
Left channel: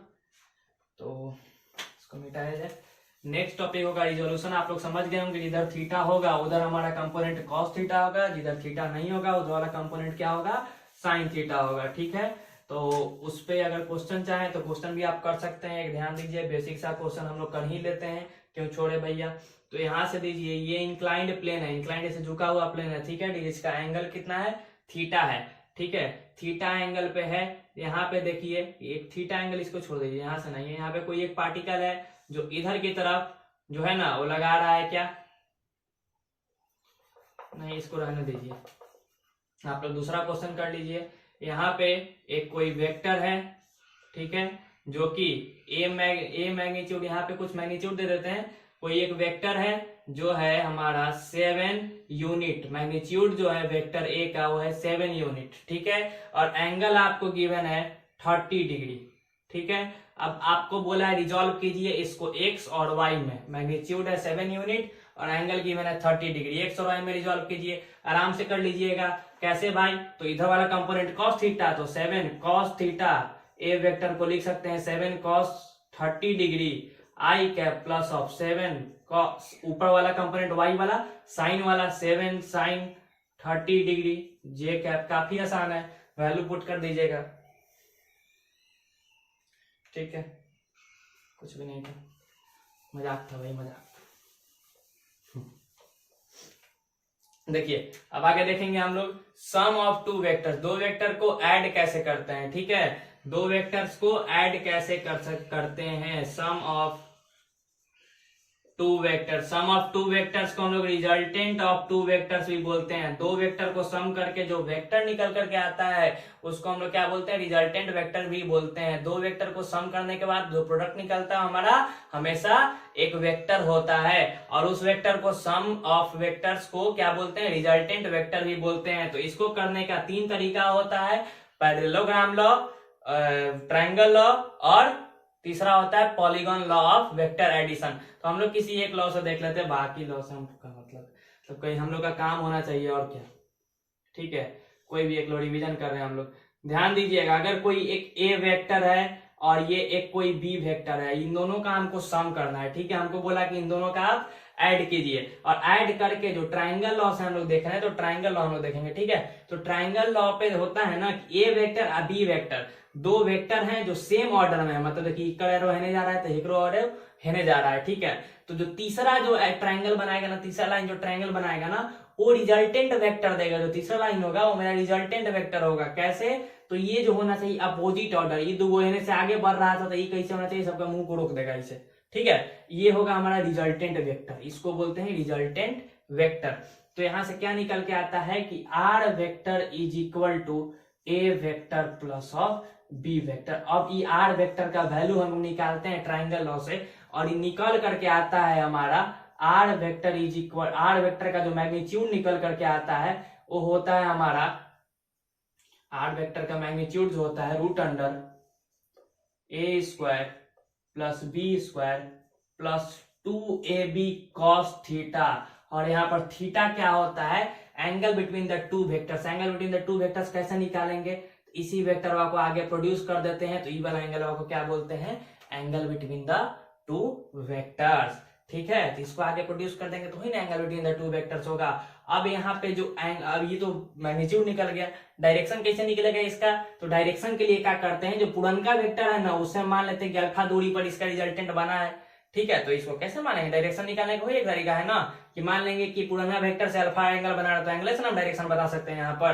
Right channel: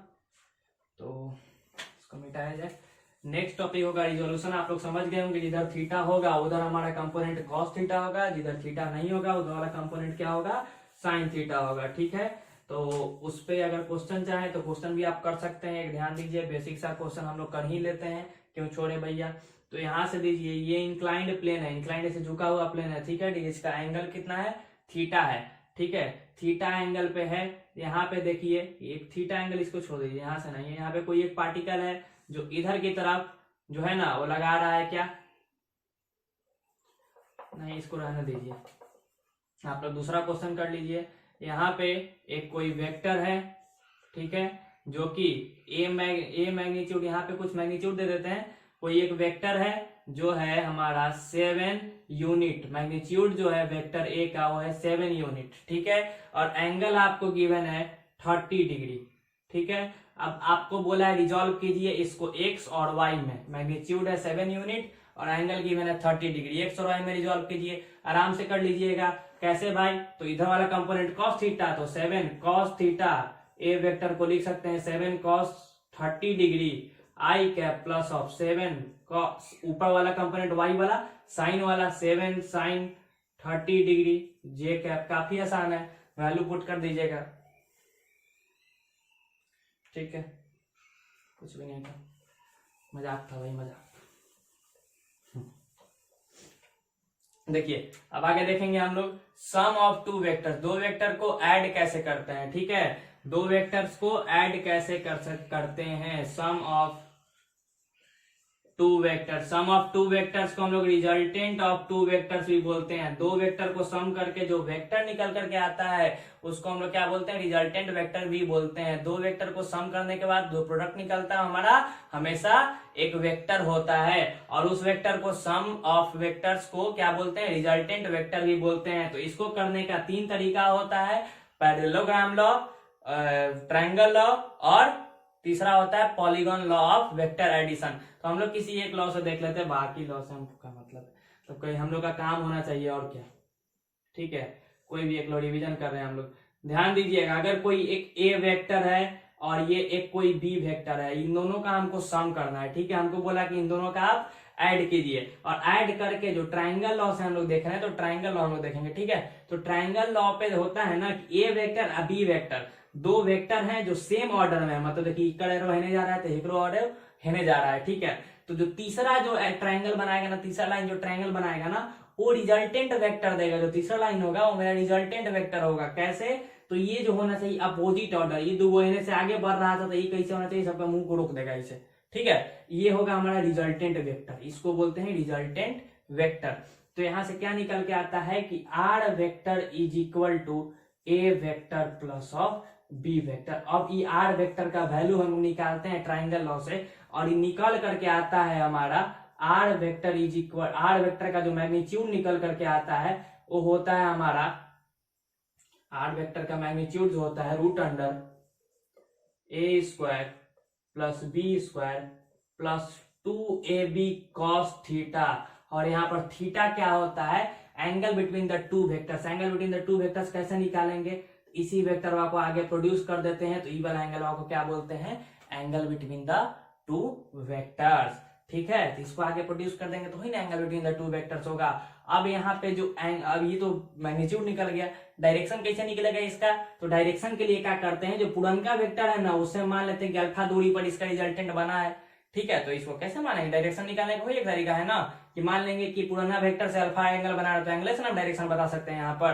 तो इसको मिटाया जाए। नेक्स्ट टॉपिक होगा रिजोल्यूशन। आप लोग समझ गए होंगे, जिधर थीटा होगा उधर हमारा कंपोनेंट कॉस थीटा होगा, जिधर थीटा नहीं होगा उधर वाला कंपोनेंट क्या होगा, साइन थीटा होगा, ठीक है। तो उस पे अगर क्वेश्चन चाहे तो क्वेश्चन भी आप कर सकते हैं। एक ध्यान दीजिए, बेसिक सा क्वेश्चन हम लोग कर ही लेते हैं, क्यों छोड़े भैया। तो यहाँ से दीजिए, ये इंक्लाइंड प्लेन है, इंक्लाइंड से झुका हुआ प्लेन है, ठीक है। इसका एंगल कितना है, थीटा है, ठीक है। थीटा एंगल पे है, यहाँ पे देखिए एक थीटा एंगल, इसको छोड़ दीजिए, यहाँ से नहीं है। यहाँ पे कोई एक पार्टिकल है जो इधर की तरफ जो है ना वो लगा रहा है, क्या नहीं, इसको रहने दीजिए। आप लोग दूसरा क्वेश्चन कर लीजिए। यहाँ पे एक कोई वेक्टर है, ठीक है, जो कि ए मैग्नीट्यूड, यहाँ पे कुछ मैग्नीट्यूड दे देते हैं। कोई एक वेक्टर है जो है हमारा 7 यूनिट, मैग्नीट्यूड जो है वेक्टर ए का वो है 7 यूनिट, ठीक है। और एंगल आपको गिवन है 30 डिग्री, ठीक है। अब आपको बोला है रिजॉल्व कीजिए इसको एक्स और वाई में। मैग्नीट्यूड है 7 यूनिट और एंगल गिवन है 30 डिग्री, एक्स और वाई में रिजॉल्व कीजिए। आराम से कर लीजिएगा। कैसे भाई, तो इधर वाला कंपोनेंट कॉस थीटा, तो 7 कॉस थीटा, ए वेक्टर को लिख सकते हैं 7 cos 30 degree I cap plus of 7 cos, ऊपर वाला कंपोनेंट वाई वाला साइन वाला 7 साइन 30 डिग्री जे कैप। काफी आसान है, वैल्यू पुट कर दीजिएगा, ठीक है। कुछ भी नहीं था, मजाक था भाई, मजाक। देखिए अब आगे देखेंगे हम लोग सम ऑफ टू वेक्टर्स। दो वेक्टर को ऐड कैसे करते हैं, ठीक है। दो वेक्टर्स को ऐड कैसे करते हैं, sum of two vector. Sum of two vectors को हम लोग रिजल्टेंट ऑफ टू वेक्टर्स भी बोलते हैं। दो वेक्टर को सम करके जो वेक्टर निकल करके आता है उसको हम लोग क्या बोलते हैं, रिजल्टेंट वेक्टर भी बोलते हैं। दो वेक्टर को सम करने के बाद जो प्रोडक्ट निकलता है हमारा हमेशा एक वेक्टर होता है, और उस वेक्टर को सम ऑफ वेक्टर्स को क्या बोलते हैं, रिजल्टेंट वेक्टर भी बोलते हैं। तो इसको करने का 3 तरीका होता है, पैरेललोग्राम लॉ, ट्रायंगल लॉ, और तीसरा होता है polygon law of vector addition. तो हम लोग किसी एक लॉ से देख लेते हैं, बाकी लॉ से हमका मतलब तो कोई हम लोग का काम होना चाहिए और क्या, ठीक है। कोई भी एक लॉ रिवीजन कर रहे हैं हम लोग, ध्यान दीजिएगा। अगर कोई एक ए वेक्टर है और ये एक कोई बी वेक्टर है, इन दोनों का हमको सम करना है, ठीक है। हमको बोला कि इन दोनों का आप ऐड कीजिए, और ऐड करके जो ट्रायंगल लॉ से हम लोग देख रहे हैं तो ट्रायंगल लॉ हम लोग देखेंगे, ठीक है। तो ट्रायंगल लॉ पे होता है ना कि ए वेक्टर और बी वेक्टर दो वेक्टर हैं जो सेम ऑर्डर में है, मतलब देखिए इक्वल एरो हेने जा रहा है तो इक्वल एरो हेने जा रहा है, ठीक है। तो जो तीसरा जो ट्रायंगल बनाएगा ना, तीसरा लाइन जो ट्रायंगल बनाएगा ना, वो रिजल्टेंट वेक्टर देगा। जो तीसरा लाइन होगा वो मेरा रिजल्टेंट वेक्टर होगा। कैसे? तो ये जो होना चाहिए अपोजिट ऑर्डर, ये दो होने से आगे बढ़ रहा था तो ये कैसे होना चाहिए, सबका मुंह को रोक देगा इसे। ठीक है, ये होगा हमारा रिजल्टेंट वेक्टर, इसको बोलते हैं रिजल्टेंट वेक्टर। तो यहां से क्या निकल के आता है कि R vector is equal to A vector plus of B vector. अब ये आर वेक्टर का वैल्यू हम निकालते हैं ट्राइंगल लॉ से, और ये निकल करके आता है हमारा R vector is equal, R vector का जो मैग्नीट्यूड निकल करके आता है वो होता है हमारा, आर वेक्टर का मैग्नीट्यूड जो होता है root under A square plus B square plus 2ab cos theta. और यहाँ पर थीटा क्या होता है, angle between the two vectors. Angle between the two vectors कैसे निकालेंगे, इसी वेक्टर को आगे प्रोड्यूस कर देते हैं, तो ई वाला एंगल को क्या बोलते हैं, angle between the two vectors. ठीक है, तो इसको आगे प्रोड्यूस कर देंगे तो ही ना angle between the two vectors होगा। अब यहाँ पे जो अब ये तो मैग्नीट्यूड निकल गया, डायरेक्शन कैसे निकलेगा इसका, तो डायरेक्शन के लिए क्या करते हैं, जो पुरनका वेक्टर है ना उससे मान लेते हैं कि अल्फा दूरी पर इसका रिजल्टेंट बना है। ठीक है, तो इसको कैसे मानेंगे, डायरेक्शन निकालने का एक तरीका है ना कि मान लेंगे कि पुराना वेक्टर से अल्फा एंगल बना रहा, तो एंगल से हम डायरेक्शन बता सकते हैं यहाँ पर।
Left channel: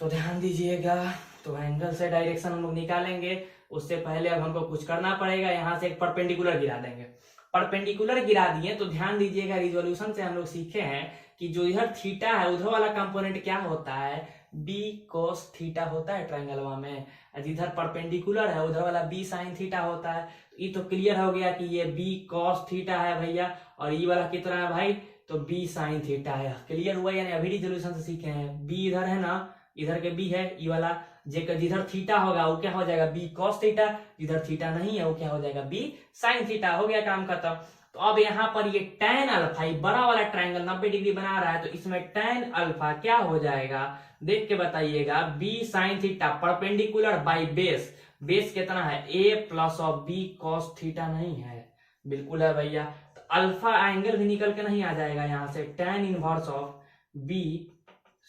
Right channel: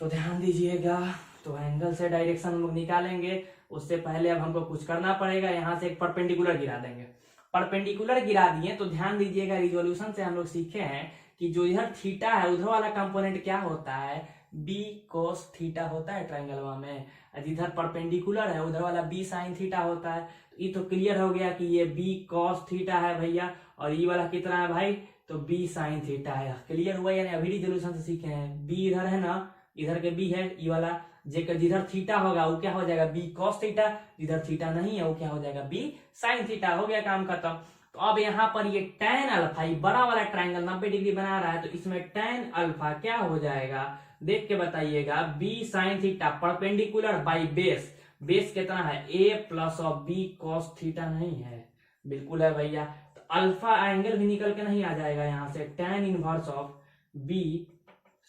तो ध्यान दीजिएगा, तो एंगल से डायरेक्शन हम लोग निकालेंगे, उससे पहले अब हमको कुछ करना पड़ेगा, यहाँ से एक परपेंडिकुलर गिरा देंगे। परपेंडिकुलर गिरा दिए तो ध्यान दीजिएगा, रिजोल्यूशन से हम लोग सीखे हैं कि जो इधर थीटा है उधर वाला कंपोनेंट क्या होता है, बी cos थीटा होता है ट्राइंगलवा में, जिधर परपेंडिकुलर है उधर वाला बी sin थीटा होता है। तो ये तो क्लियर हो गया कि ये बी cos थीटा है भैया, और ये वाला कितना है भाई, तो बी sin थीटा है। क्लियर हुआ यानी अभी रिजोल्यूशन से सीखे हैं, बी इधर है ना, इधर के बी है, ये वाला जिधर थीटा होगा वो क्या हो जाएगा, बी cos थीटा, जिधर थीटा नहीं है वो क्या हो जाएगा, बी sin थीटा। हो गया काम खत्म। तो अब यहाँ पर ये tan अल्फा, ये बड़ा वाला ट्राइंगल 90 डिग्री बना रहा है, तो इसमें tan अल्फा क्या हो जाएगा, देख के बताइएगा, B sin theta perpendicular by base, base कितना है a plus of B cos theta नहीं है, बिल्कुल है भैया। तो अल्फा एंगल भी निकल के नहीं आ जाएगा यहाँ से, tan inverse of b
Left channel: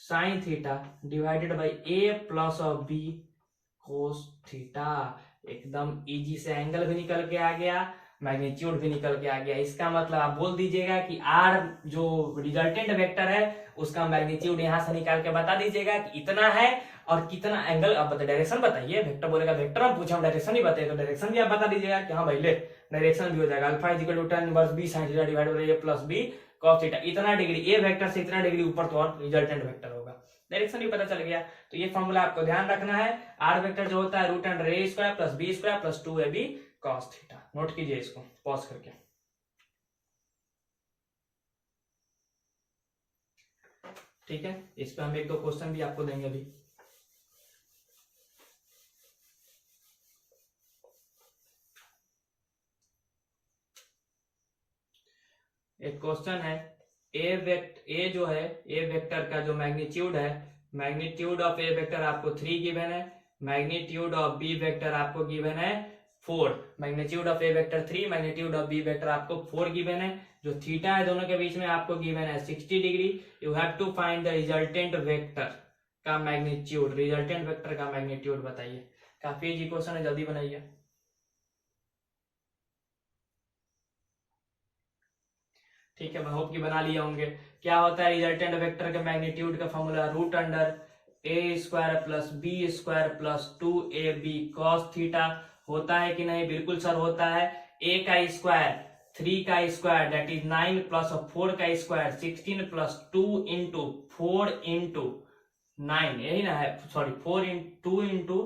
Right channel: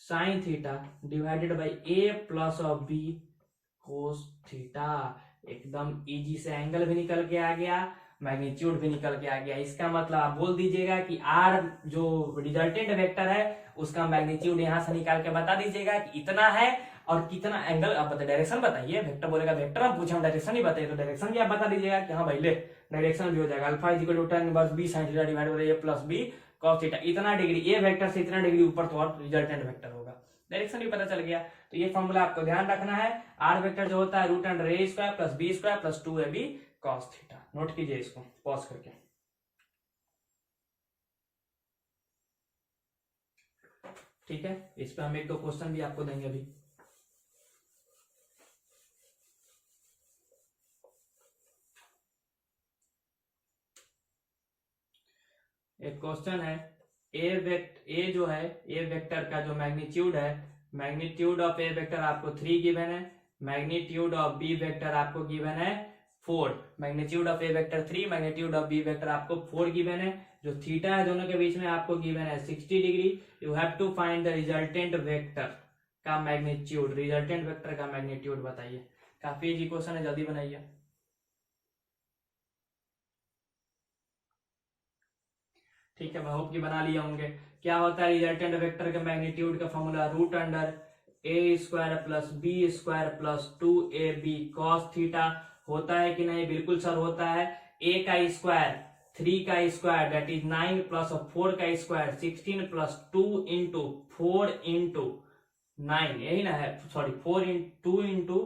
sin theta divided by a plus of b cos theta. एकदम इजी से एंगल भी निकल के आ गया, मैग्नीट्यूड भी निकल के आ गया। इसका मतलब आप बोल दीजिएगा कि आर जो रिजल्टेंट वेक्टर है उसका मैग्नीट्यूड यहां से निकाल के बता दीजिएगा कि इतना है और कितना एंगल। अब डायरेक्शन बताइए, वेक्टर बोलेगा वेक्टर, हम पूछे हम डायरेक्शन ही बताइए, तो डायरेक्शन भी आप बता दीजिएगा कि हाँ भाई ले डायरेक्शन भी हो जाएगा, alpha is equal to tan inverse b sin theta divided by a plus b cos theta. इतना डिग्री ए वेक्टर से इतना डिग्री ऊपर तो और रिजल्टेंट वेक्टर होगा, डायरेक्शन भी पता चल गया। तो ये फॉर्मूला आपको ध्यान रखना है, आर वेक्टर जो होता है root under A square plus B square plus 2ab cos theta. Note कीजिए इसको पॉज करके। ठीक है, इस पे हम एक दो क्वेश्चन भी आपको देंगे अभी। एक क्वेश्चन है, ए जो है ए वेक्टर का जो मैग्नीट्यूड है, मैग्नीट्यूड ऑफ ए वेक्टर आपको 3 गिवन है, मैग्नीट्यूड ऑफ बी वेक्टर आपको गिवन है 4। Magnitude of A vector 3, magnitude of B vector आपको 4 गिवन है। जो थीटा है दोनों के बीच में आपको गिवन है 60 degree. You have to find the resultant vector का मैग्नीट्यूड, रिजल्टेंट वेक्टर का मैग्नीट्यूड बताइए। काफी इजी क्वेश्चन है, जल्दी बनाइए। ठीक है, मैं होप कि बना लिए होंगे। क्या होता है रिजल्टेंट वेक्टर के मैग्नीट्यूड का formula, root under A square plus B square plus 2ab cos theta. होता है कि नहीं, बिल्कुल सर होता है। a का स्क्वायर 3 का स्क्वायर दैट इज 9 प्लस 4 का स्क्वायर 16 प्लस 2 इंटू 4 इंटू 9, यही ना है, सॉरी 4 2 इंटू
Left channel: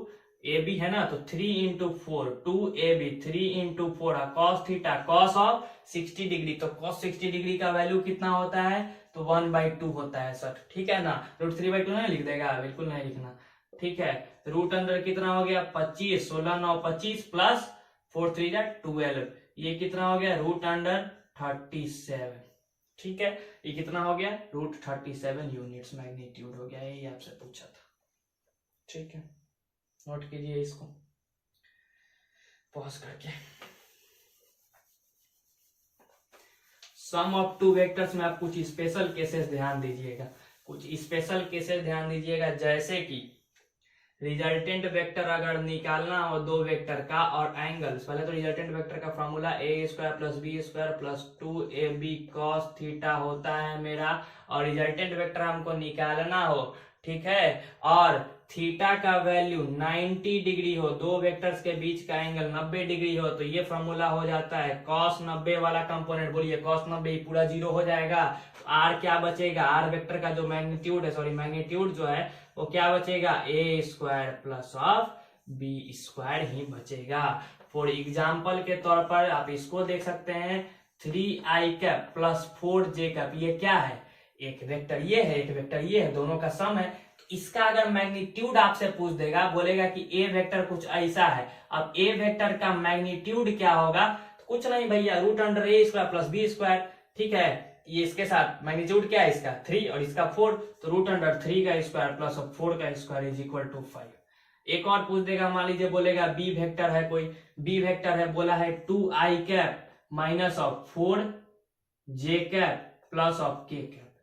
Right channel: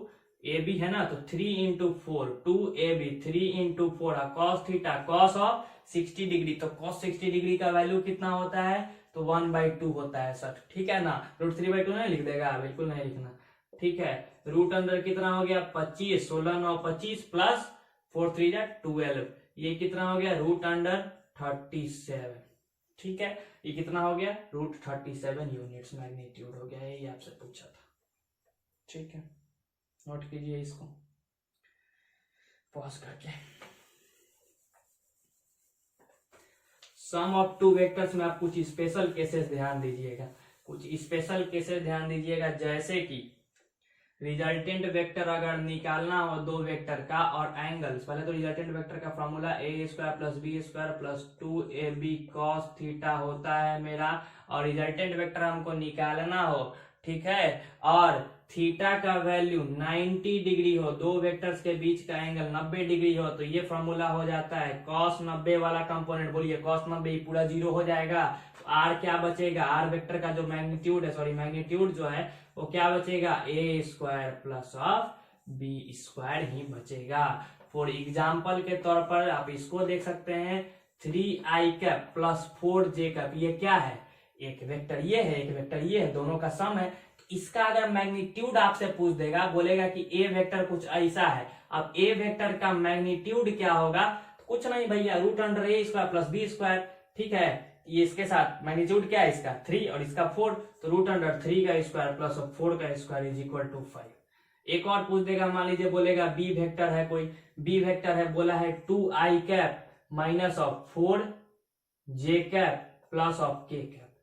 ए बी है ना, तो 3 into 4 2ab 3 into 4 cos theta cos of 60 degree. तो cos 60 डिग्री का वैल्यू कितना होता है, तो 1/2 होता है सर। ठीक है ना, √3/2 नहीं लिख देगा, बिल्कुल नहीं लिखना। ठीक है, रूट अंदर कितना हो गया 25, 16 9 25 प्लस 4 3 12, ये कितना हो गया रूट अंडर 37। ठीक है, ये कितना हो गया √37 यूनिट्स मैग्नीट्यूड हो गया, यही आपसे पूछा था। ठीक है, नोट कीजिए इसको पॉज करके। सम ऑफ टू वेक्टर्स में आप कुछ स्पेशल केसेस ध्यान दीजिएगा, कुछ स्पेशल केसेस ध्यान दीजिएगा, जैसे कि रिजल्टेंट वेक्टर अगर निकालना हो दो वेक्टर का और एंगल्स, पहले तो रिजल्टेंट वेक्टर का formula A square plus B square plus 2ab cos theta होता है मेरा, और रिजल्टेंट वेक्टर हमको निकालना हो, ठीक है, और थीटा का वैल्यू 90 डिग्री हो, दो वेक्टर्स के बीच का एंगल 90 डिग्री हो, तो ये फॉर्मूला हो जाता है cos 90 वाला कंपोनेंट, बोलिए cos 90 पूरा जीरो हो जाएगा, तो आर क्या बचेगा, आर वेक्टर का जो मैग्नीट्यूड है, सॉरी मैग्नीट्यूड जो है वो क्या बचेगा, A square plus of B square ही बचेगा। फॉर एग्जाम्पल के तौर पर आप इसको देख सकते हैं, 3i cap plus 4j cap, ये क्या है, एक वेक्टर ये है, एक वेक्टर ये है, दोनों का सम है। इसका अगर मैग्नीट्यूड आपसे पूछ देगा, बोलेगा कि ए वेक्टर कुछ ऐसा है, अब ए वेक्टर का मैग्नीट्यूड क्या होगा, तो कुछ नहीं भैया, root under A square plus B square, ठीक है, ये इसके साथ मैग्नीट्यूड क्या है इसका 3 और इसका 4, तो रूट अंडर 3 का स्क्वायर प्लस 4 का स्क्वायर इज इक्वल टू 5। एक और पूछ देगा, मान लीजिए बोलेगा बी वेक्टर है, कोई बी वेक्टर है, बोला है 2i cap minus of 4j cap plus of k cap,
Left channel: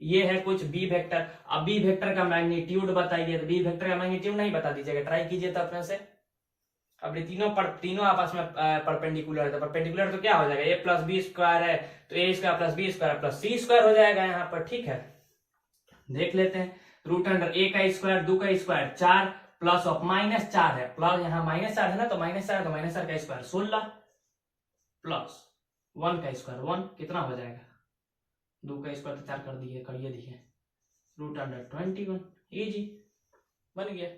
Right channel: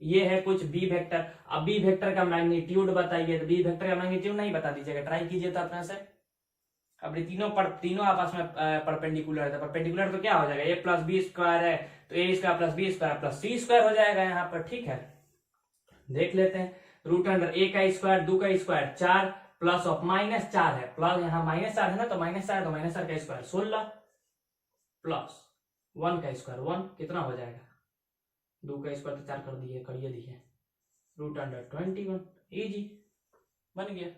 ये है कुछ बी वेक्टर। अब बी वेक्टर का मैग्नीट्यूड बताइए, तो बी वेक्टर का मैग्नीट्यूड नहीं बता दीजिएगा, ट्राई कीजिए तो अपने से। अब ये तीनों आपस में परपेंडिकुलर है, तो परपेंडिकुलर तो क्या हो जाएगा, ए प्लस बी स्क्वायर है तो A square plus B square plus C square हो जाएगा यहाँ पर, ठीक है। देख लेते हैं, रूट अंडर ए का स्क्वायर 2 का स्क्वायर 4 प्लस ऑफ -4 है, प्लस यहाँ -4 है ना, तो -4 तो -4 का स्क्वायर 16 प्लस 1 का स्क्वायर 1, कितना हो जाएगा, 2 का स्क्वायर तो 4 कर दिए, करिए दिए, रूट अंडर 21, इजी बन गया।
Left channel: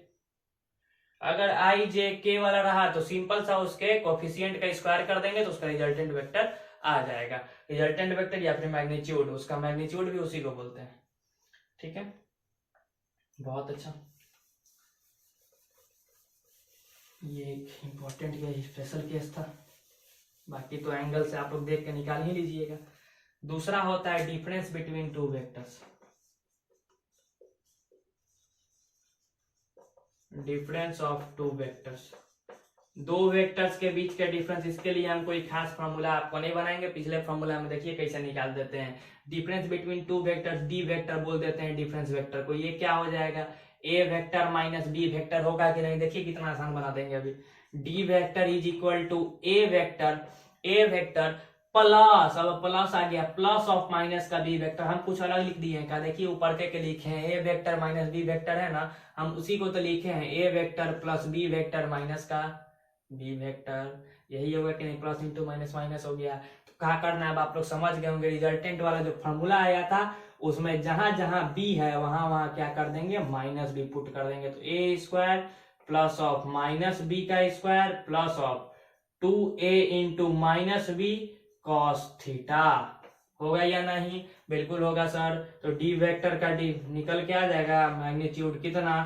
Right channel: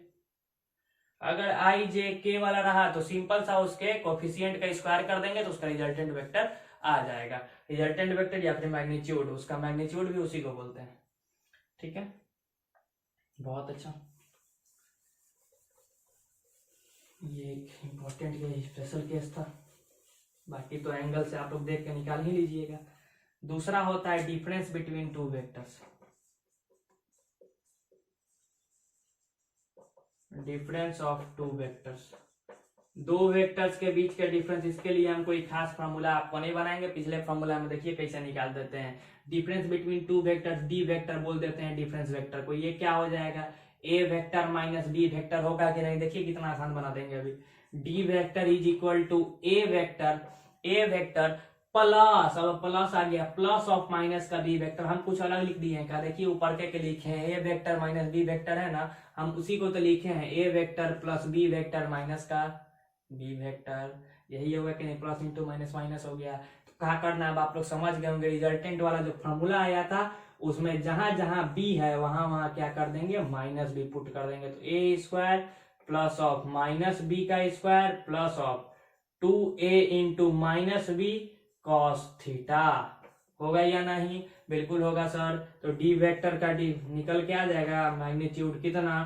अगर आई जे के वाला रहा तो सिंपल सा उसके कोफिशिएंट का स्क्वायर कर देंगे तो उसका रिजल्टेंट वेक्टर आ जाएगा, रिजल्टेंट वेक्टर या फिर मैग्नीट्यूड, उसका मैग्नीट्यूड भी उसी को बोलते हैं, ठीक है, बहुत अच्छा। ये एक इंपॉर्टेंट या स्पेशल केस था, बाकी तो एंगल से आप लोग देख के निकाल ही लीजिएगा। दूसरा होता है difference between two vectors, difference of two vectors, दो वेक्टर्स के बीच के डिफरेंस, इसके लिए हम कोई खास फॉर्मूला आपको नहीं बनाएंगे, पिछले फॉर्मूला में देखिए कैसे निकाल देते हैं। Difference between two vectors, D vector बोल देते हैं डिफरेंस वेक्टर को, ये क्या हो जाएगा, A vector minus B vector होगा कि नहीं, देखिए कितना आसान बना देंगे अभी। D vector is equal to A vector plus, अब प्लस आ गया, प्लस ऑफ माइनस का बी वेक्टर, हम कुछ अलग लिख दिए हैं क्या, देखिए ऊपर के लिखे हैं, A vector minus B vector है ना, हम उसी को तो लिखे हैं, A vector plus B vector minus का बी वेक्टर, यही होगा कि नहीं, प्लस इंटू माइनस माइनस हो गया। तो क्या करना है, अब आप लोग समझ गए होंगे, रिजल्टेंट वाला जो फॉर्मूला आया था उसमें जहां जहां बी है वहां वहां क्या कर देंगे, माइनस बी पुट कर देंगे, तो A square plus of minus B का square plus of 2a into minus B cos theta, होगा या नहीं, बिल्कुल होगा सर। तो डी वेक्टर का डी निकल के आ जाएगा मैग्नीट्यूड कितना,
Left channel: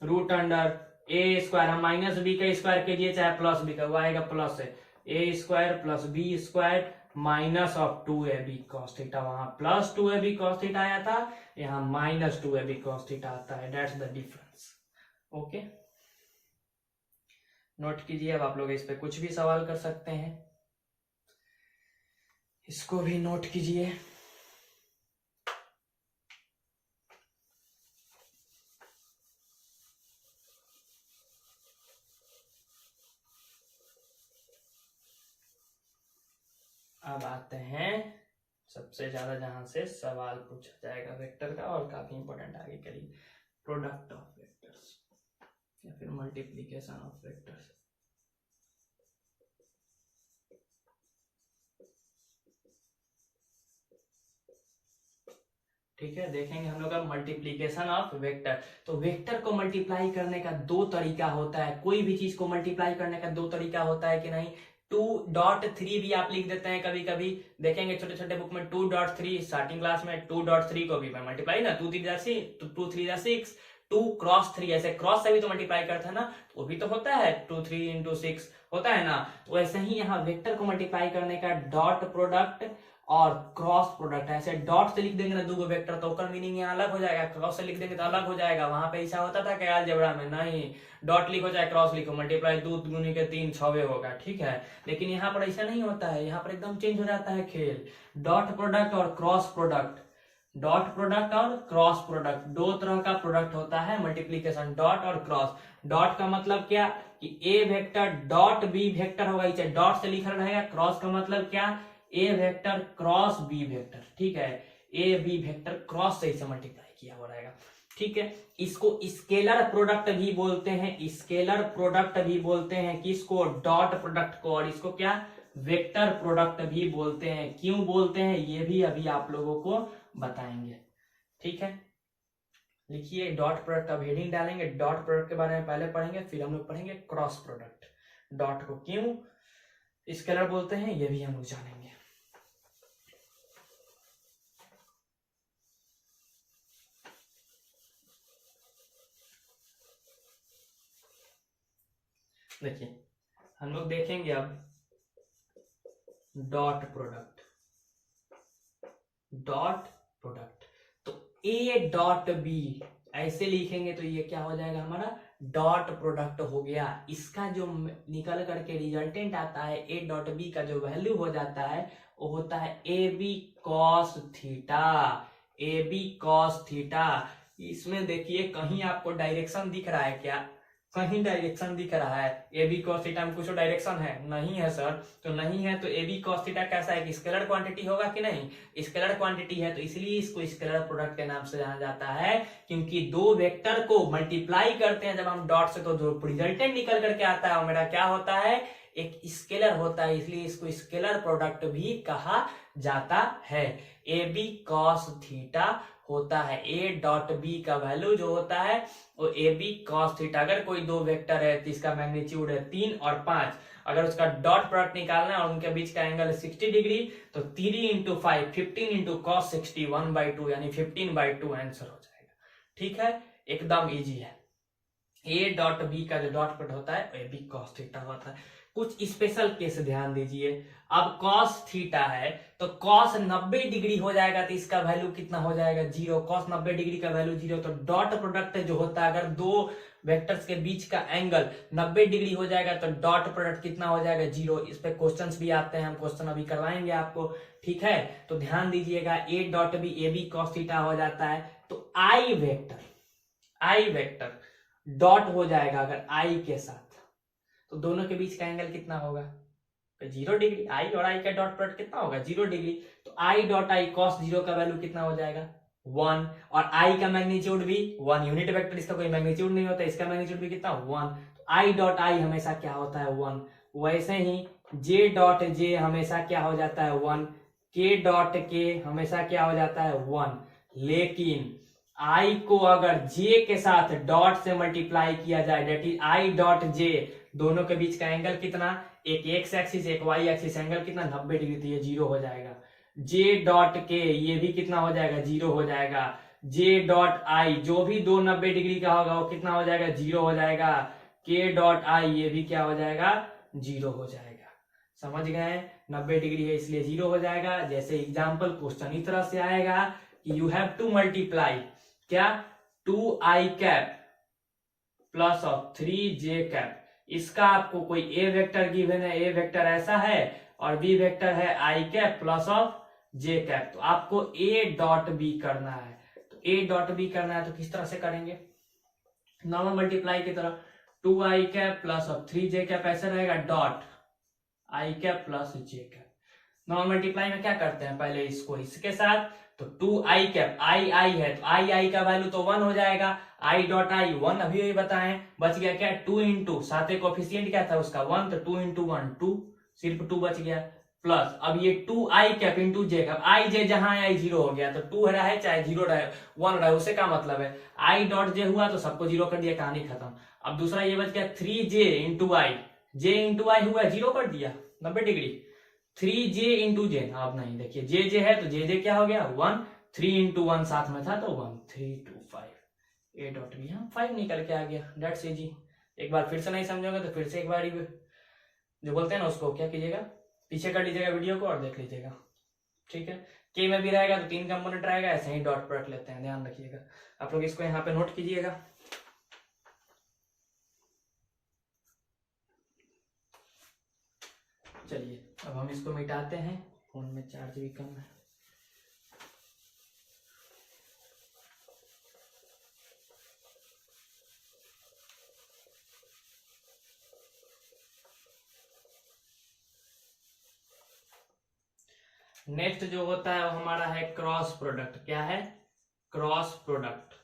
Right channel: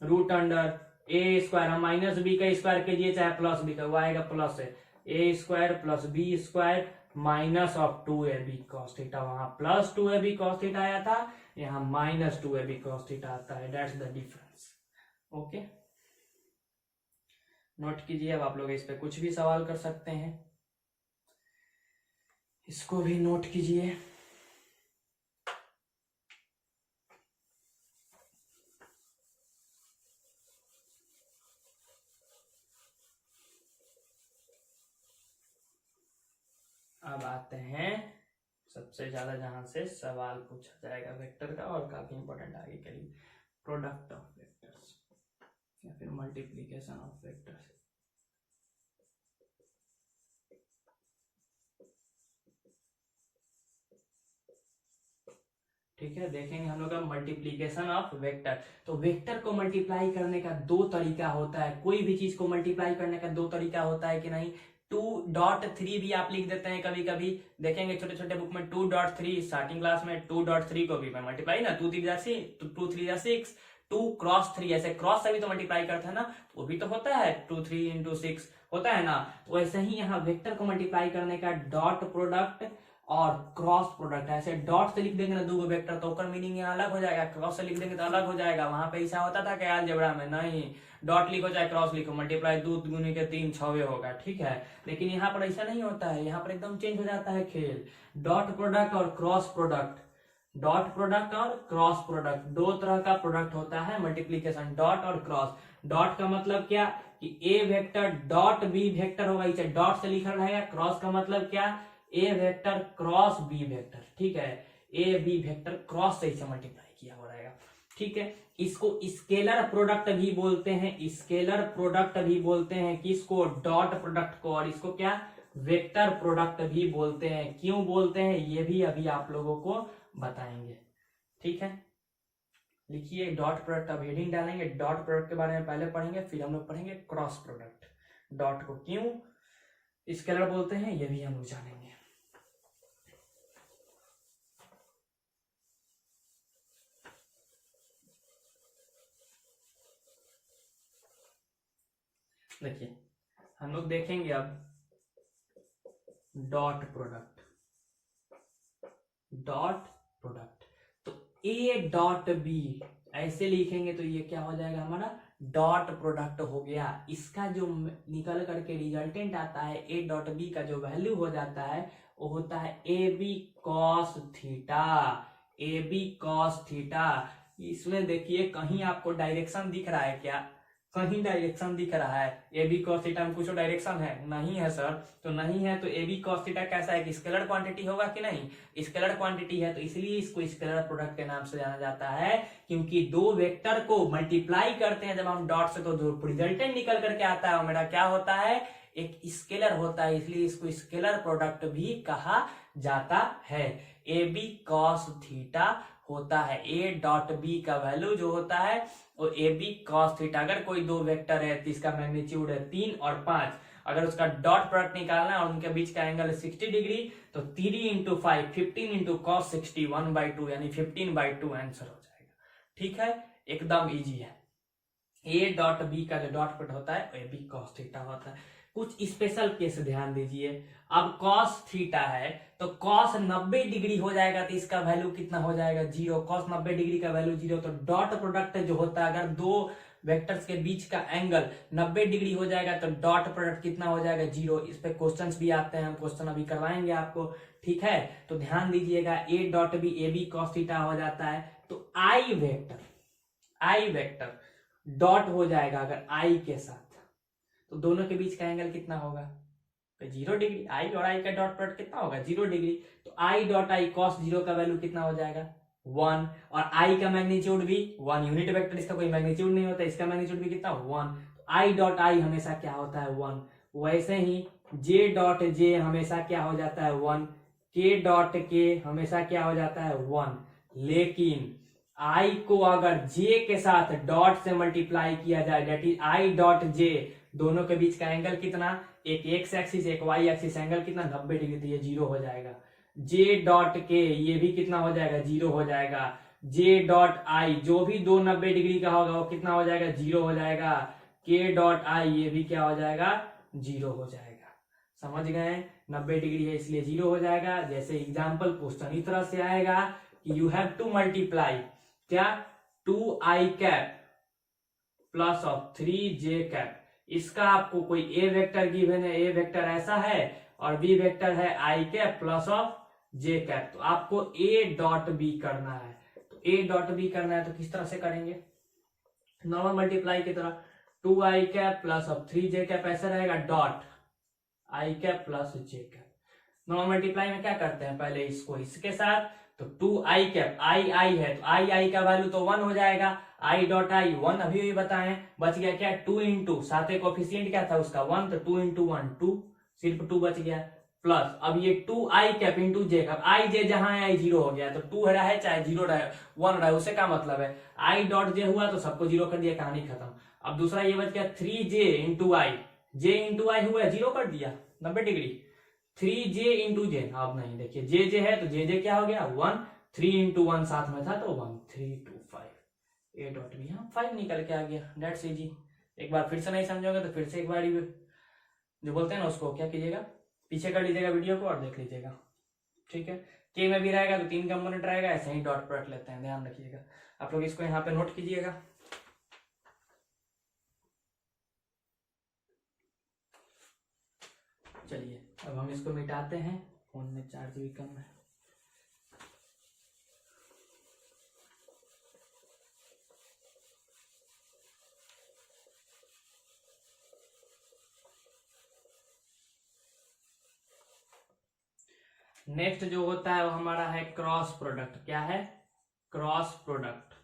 रूट अंडर ए स्क्वायर, हम माइनस बी का स्क्वायर कीजिए चाहे प्लस बी का, वो आएगा प्लस है, A square plus B square minus of 2ab cos theta, वहां प्लस 2ab cos थीटा आया था, यहाँ माइनस 2ab cos थीटा आता है, that's the difference. Okay, note कीजिए, अब आप लोग इस पे कुछ भी सवाल कर सकते हैं, इसको भी नोट कीजिए। अब आते हैं सबसे ज्यादा जहां से सवाल पूछा जाएगा वेक्टर का, और काफी इंपॉर्टेंट आगे के लिए, प्रोडक्ट ऑफ वेक्टर्स या फिर मल्टीप्लीकेशन ऑफ वेक्टर्स। ठीक है, देखेंगे हम लोग अब मल्टीप्लीकेशन ऑफ वेक्टर। तो वेक्टर को मल्टीप्लाई करने का दो तरीका होता है, कोई भी चीज को मल्टीप्लाई करने का दो तरीका होता है कि नहीं, 2.3 भी आप लिख देते हैं कभी कभी, देखेंगे छोटे छोटे बुक में 2.3, स्टार्टिंग क्लास में 2.3 को भी मल्टीप्लाई ना, 2 3 जा 6, 2 क्रॉस 3, ऐसे क्रॉस से भी तो मल्टीप्लाई करता है ना, वो भी तो होता है 2 3 इंटू 6 होता है ना, तो वैसे ही यहाँ वेक्टर को मल्टीप्लाई करने का डॉट प्रोडक्ट और क्रॉस प्रोडक्ट, ऐसे डॉट से लिख देंगे ना दो वेक्टर तो उसका मीनिंग यहाँ अलग हो जाएगा, क्रॉस से लिख देंगे तो अलग हो जाएगा, वहां पे ऐसा होता था क्या अलजेब्रा में, नहीं, डॉट लिखो चाहे क्रॉस लिखो, मल्टीप्लाई 2 गुने के 3 6 होगा, ठीक है, लेकिन यहाँ पर ऐसा नहीं होता है, यहाँ पर एकदम चेंज हो जाता है खेल, डॉट प्रोडक्ट और क्रॉस प्रोडक्ट डॉट प्रोडक्ट और क्रॉस प्रोडक्ट, दो तरह का प्रोडक्ट होता है मल्टीप्लीकेशन, डॉट और क्रॉस। डॉट का मतलब क्या कि ए वेक्टर डॉट बी वेक्टर होगा, इसे डॉट से लिखा रहेगा। क्रॉस का मतलब क्या, ए वेक्टर क्रॉस बी वेक्टर, ठीक है, ए बी वेक्टर क्रॉस से इसे मल्टीप्लाई किया हुआ रहेगा, ठीक है। इसको स्केलर प्रोडक्ट भी बोलते हैं, स्केलर प्रोडक्ट भी बोलते हैं, किसको, डॉट प्रोडक्ट को, और इसको क्या, वेक्टर प्रोडक्ट भी बोलते हैं। क्यों बोलते हैं ये भी अभी आप लोगों को बताएंगे, ठीक है। लिखिए डॉट प्रोडक्ट, अब हेडिंग डालेंगे, डॉट प्रोडक्ट के बारे में पहले पढ़ेंगे, फिर हम लोग पढ़ेंगे क्रॉस प्रोडक्ट। डॉट को क्यों स्केलर बोलते हैं ये भी हम लोग जानेंगे। देखिए हम लोग देखेंगे अब डॉट प्रोडक्ट, डॉट प्रोडक्ट, तो ए डॉट बी ऐसे लिखेंगे तो ये क्या हो जाएगा हमारा डॉट प्रोडक्ट हो गया। इसका जो निकल करके रिजल्टेंट आता है ए डॉट बी का जो वैल्यू हो जाता है वो होता है A B cos theta, A B cos theta. इसमें देखिए कहीं आपको डायरेक्शन दिख रहा है क्या, कहीं डायरेक्शन दिख रहा है, ए बी कॉस थीटा में कुछ डायरेक्शन है, नहीं है सर, तो नहीं है तो ए बी कॉस थीटा कैसा है कि स्केलर क्वांटिटी होगा कि नहीं, स्केलर क्वांटिटी है, तो इसलिए इसको स्केलर प्रोडक्ट के नाम से जाना जाता है। क्योंकि दो वेक्टर को मल्टीप्लाई करते हैं जब हम डॉट से, तो जो रिजल्टेंट निकल करके आता है वो मेरा क्या होता है, एक स्केलर होता है, इसलिए इसको स्केलर प्रोडक्ट भी कहा जाता है। ए बी कॉस थीटा होता है, ए डॉट बी का वैल्यू जो होता है वो ए बी कॉस थीटा। अगर कोई दो वेक्टर है तो इसका मैग्नीट्यूड है 3 और 5, अगर उसका डॉट प्रोडक्ट निकालना है और उनके बीच का एंगल है 60 डिग्री, तो 3 इंटू 5 15 इंटू कॉस 60 1/2 यानी 15/2 आंसर हो जाएगा, ठीक है, एकदम इजी है। ए डॉट बी का जो डॉट प्रोडक्ट होता है ए बी कॉस थीटा होता है। कुछ स्पेशल केस ध्यान दीजिए, अब कॉस थीटा है तो कॉस 90 डिग्री हो जाएगा तो इसका वैल्यू कितना हो जाएगा, 0, कॉस 90 डिग्री का वैल्यू 0, तो डॉट प्रोडक्ट जो होता है अगर दो वेक्टर्स के बीच का एंगल 90 डिग्री हो जाएगा तो डॉट प्रोडक्ट कितना हो जाएगा, 0। इस पे क्वेश्चंस भी आते हैं, हम क्वेश्चन अभी करवाएंगे आपको, ठीक है। तो ध्यान दीजिएगा A dot B A B cos theta हो जाता है, तो आई वेक्टर डॉट हो जाएगा अगर आई के साथ, तो दोनों के बीच का एंगल कितना होगा, 0 डिग्री। आई और आई का डॉट प्रोडक्ट कितना होगा, 0 डिग्री। तो आई डॉट आई कॉस 0 का वैल्यू कितना हो जाएगा, 1, और आई का मैग्नीट्यूड भी 1, यूनिट वेक्टर इसका कोई मैग्नीट्यूड नहीं होता, इसका मैग्नीट्यूड भी कितना 1, तो आई डॉट आई हमेशा क्या होता है 1। वैसे ही जे डॉट जे हमेशा क्या हो जाता है 1, के डॉट के हमेशा क्या हो जाता है 1, लेकिन आई को अगर जे के साथ डॉट से मल्टीप्लाई किया जाए, that is I dot J, दोनों के बीच का एंगल कितना, एक एक्स एक्सिस एक वाई एक्सिस, एंगल कितना 90 डिग्री, तो ये 0 हो जाएगा। जे डॉट के ये भी कितना हो जाएगा, 0 हो जाएगा। जे डॉट आई जो भी दो 90 डिग्री का होगा वो कितना हो जाएगा, 0 हो जाएगा। के डॉट आई ये भी क्या हो जाएगा, 0 हो जाएगा। समझ गए, 90 डिग्री है इसलिए 0 हो जाएगा। जैसे एग्जाम्पल क्वेश्चन इस तरह से आएगा कि यू हैव टू मल्टीप्लाई क्या, 2i cap plus of 3j cap. इसका आपको कोई ए वेक्टर गिवन है, ए वेक्टर ऐसा है और बी वेक्टर है I cap plus of J cap, तो आपको ए डॉट बी करना है। तो ए डॉट बी करना है तो किस तरह से करेंगे, नॉर्मल मल्टीप्लाई की तरह, 2i cap plus of 3j cap ऐसे रहेगा, dot I cap plus J cap. Normal multiply में क्या करते हैं, पहले इसको इसके साथ, तो 2i कैप आई आई है तो आई आई का वैल्यू तो 1 हो जाएगा, आई डॉट आई 1 अभी बताएं, बच गया क्या 2 इंटू, साथ में कोफिशिएंट क्या था उसका 1, तो 2 इंटू 1 2, सिर्फ 2 बच गया, प्लस अब ये 2i कैप इंटू जे कैप, आई जे जहां आई 0 हो गया, तो 2 रहा चाहे 0 रहे 1 रहे, उससे क्या मतलब है, आई डॉट जे हुआ तो सबको 0 कर दिया, कहानी खत्म। अब दूसरा ये बच गया 3j इंटू आई, जे इंटू आई हुआ 0 कर दिया 90 डिग्री, 3j इंटू जे, अब नहीं देखिए जे जे है तो जे जे क्या हो गया 1, 3 इंटू 1 साथ में था तो 1, 3 2 5, ए डॉट बी हम 5 निकल के आ गया, दैट्स इजी। एक बार फिर से नहीं समझोगे तो फिर से एक बार जो बोलते हैं ना उसको क्या कीजिएगा, पीछे कर लीजिएगा वीडियो को और देख लीजिएगा, ठीक है। के में भी रहेगा तो 3 कंपोनेंट रहेगा, ऐसे ही डॉट प्रोडक्ट लेते हैं, ध्यान रखिएगा। आप लोग इसको यहाँ पे नोट कीजिएगा। चलिए अब हम इसको मिटाते हैं, फोन में चार्ज भी कम है। नेक्स्ट जो होता है वो हमारा है क्रॉस प्रोडक्ट। क्या है? Cross product.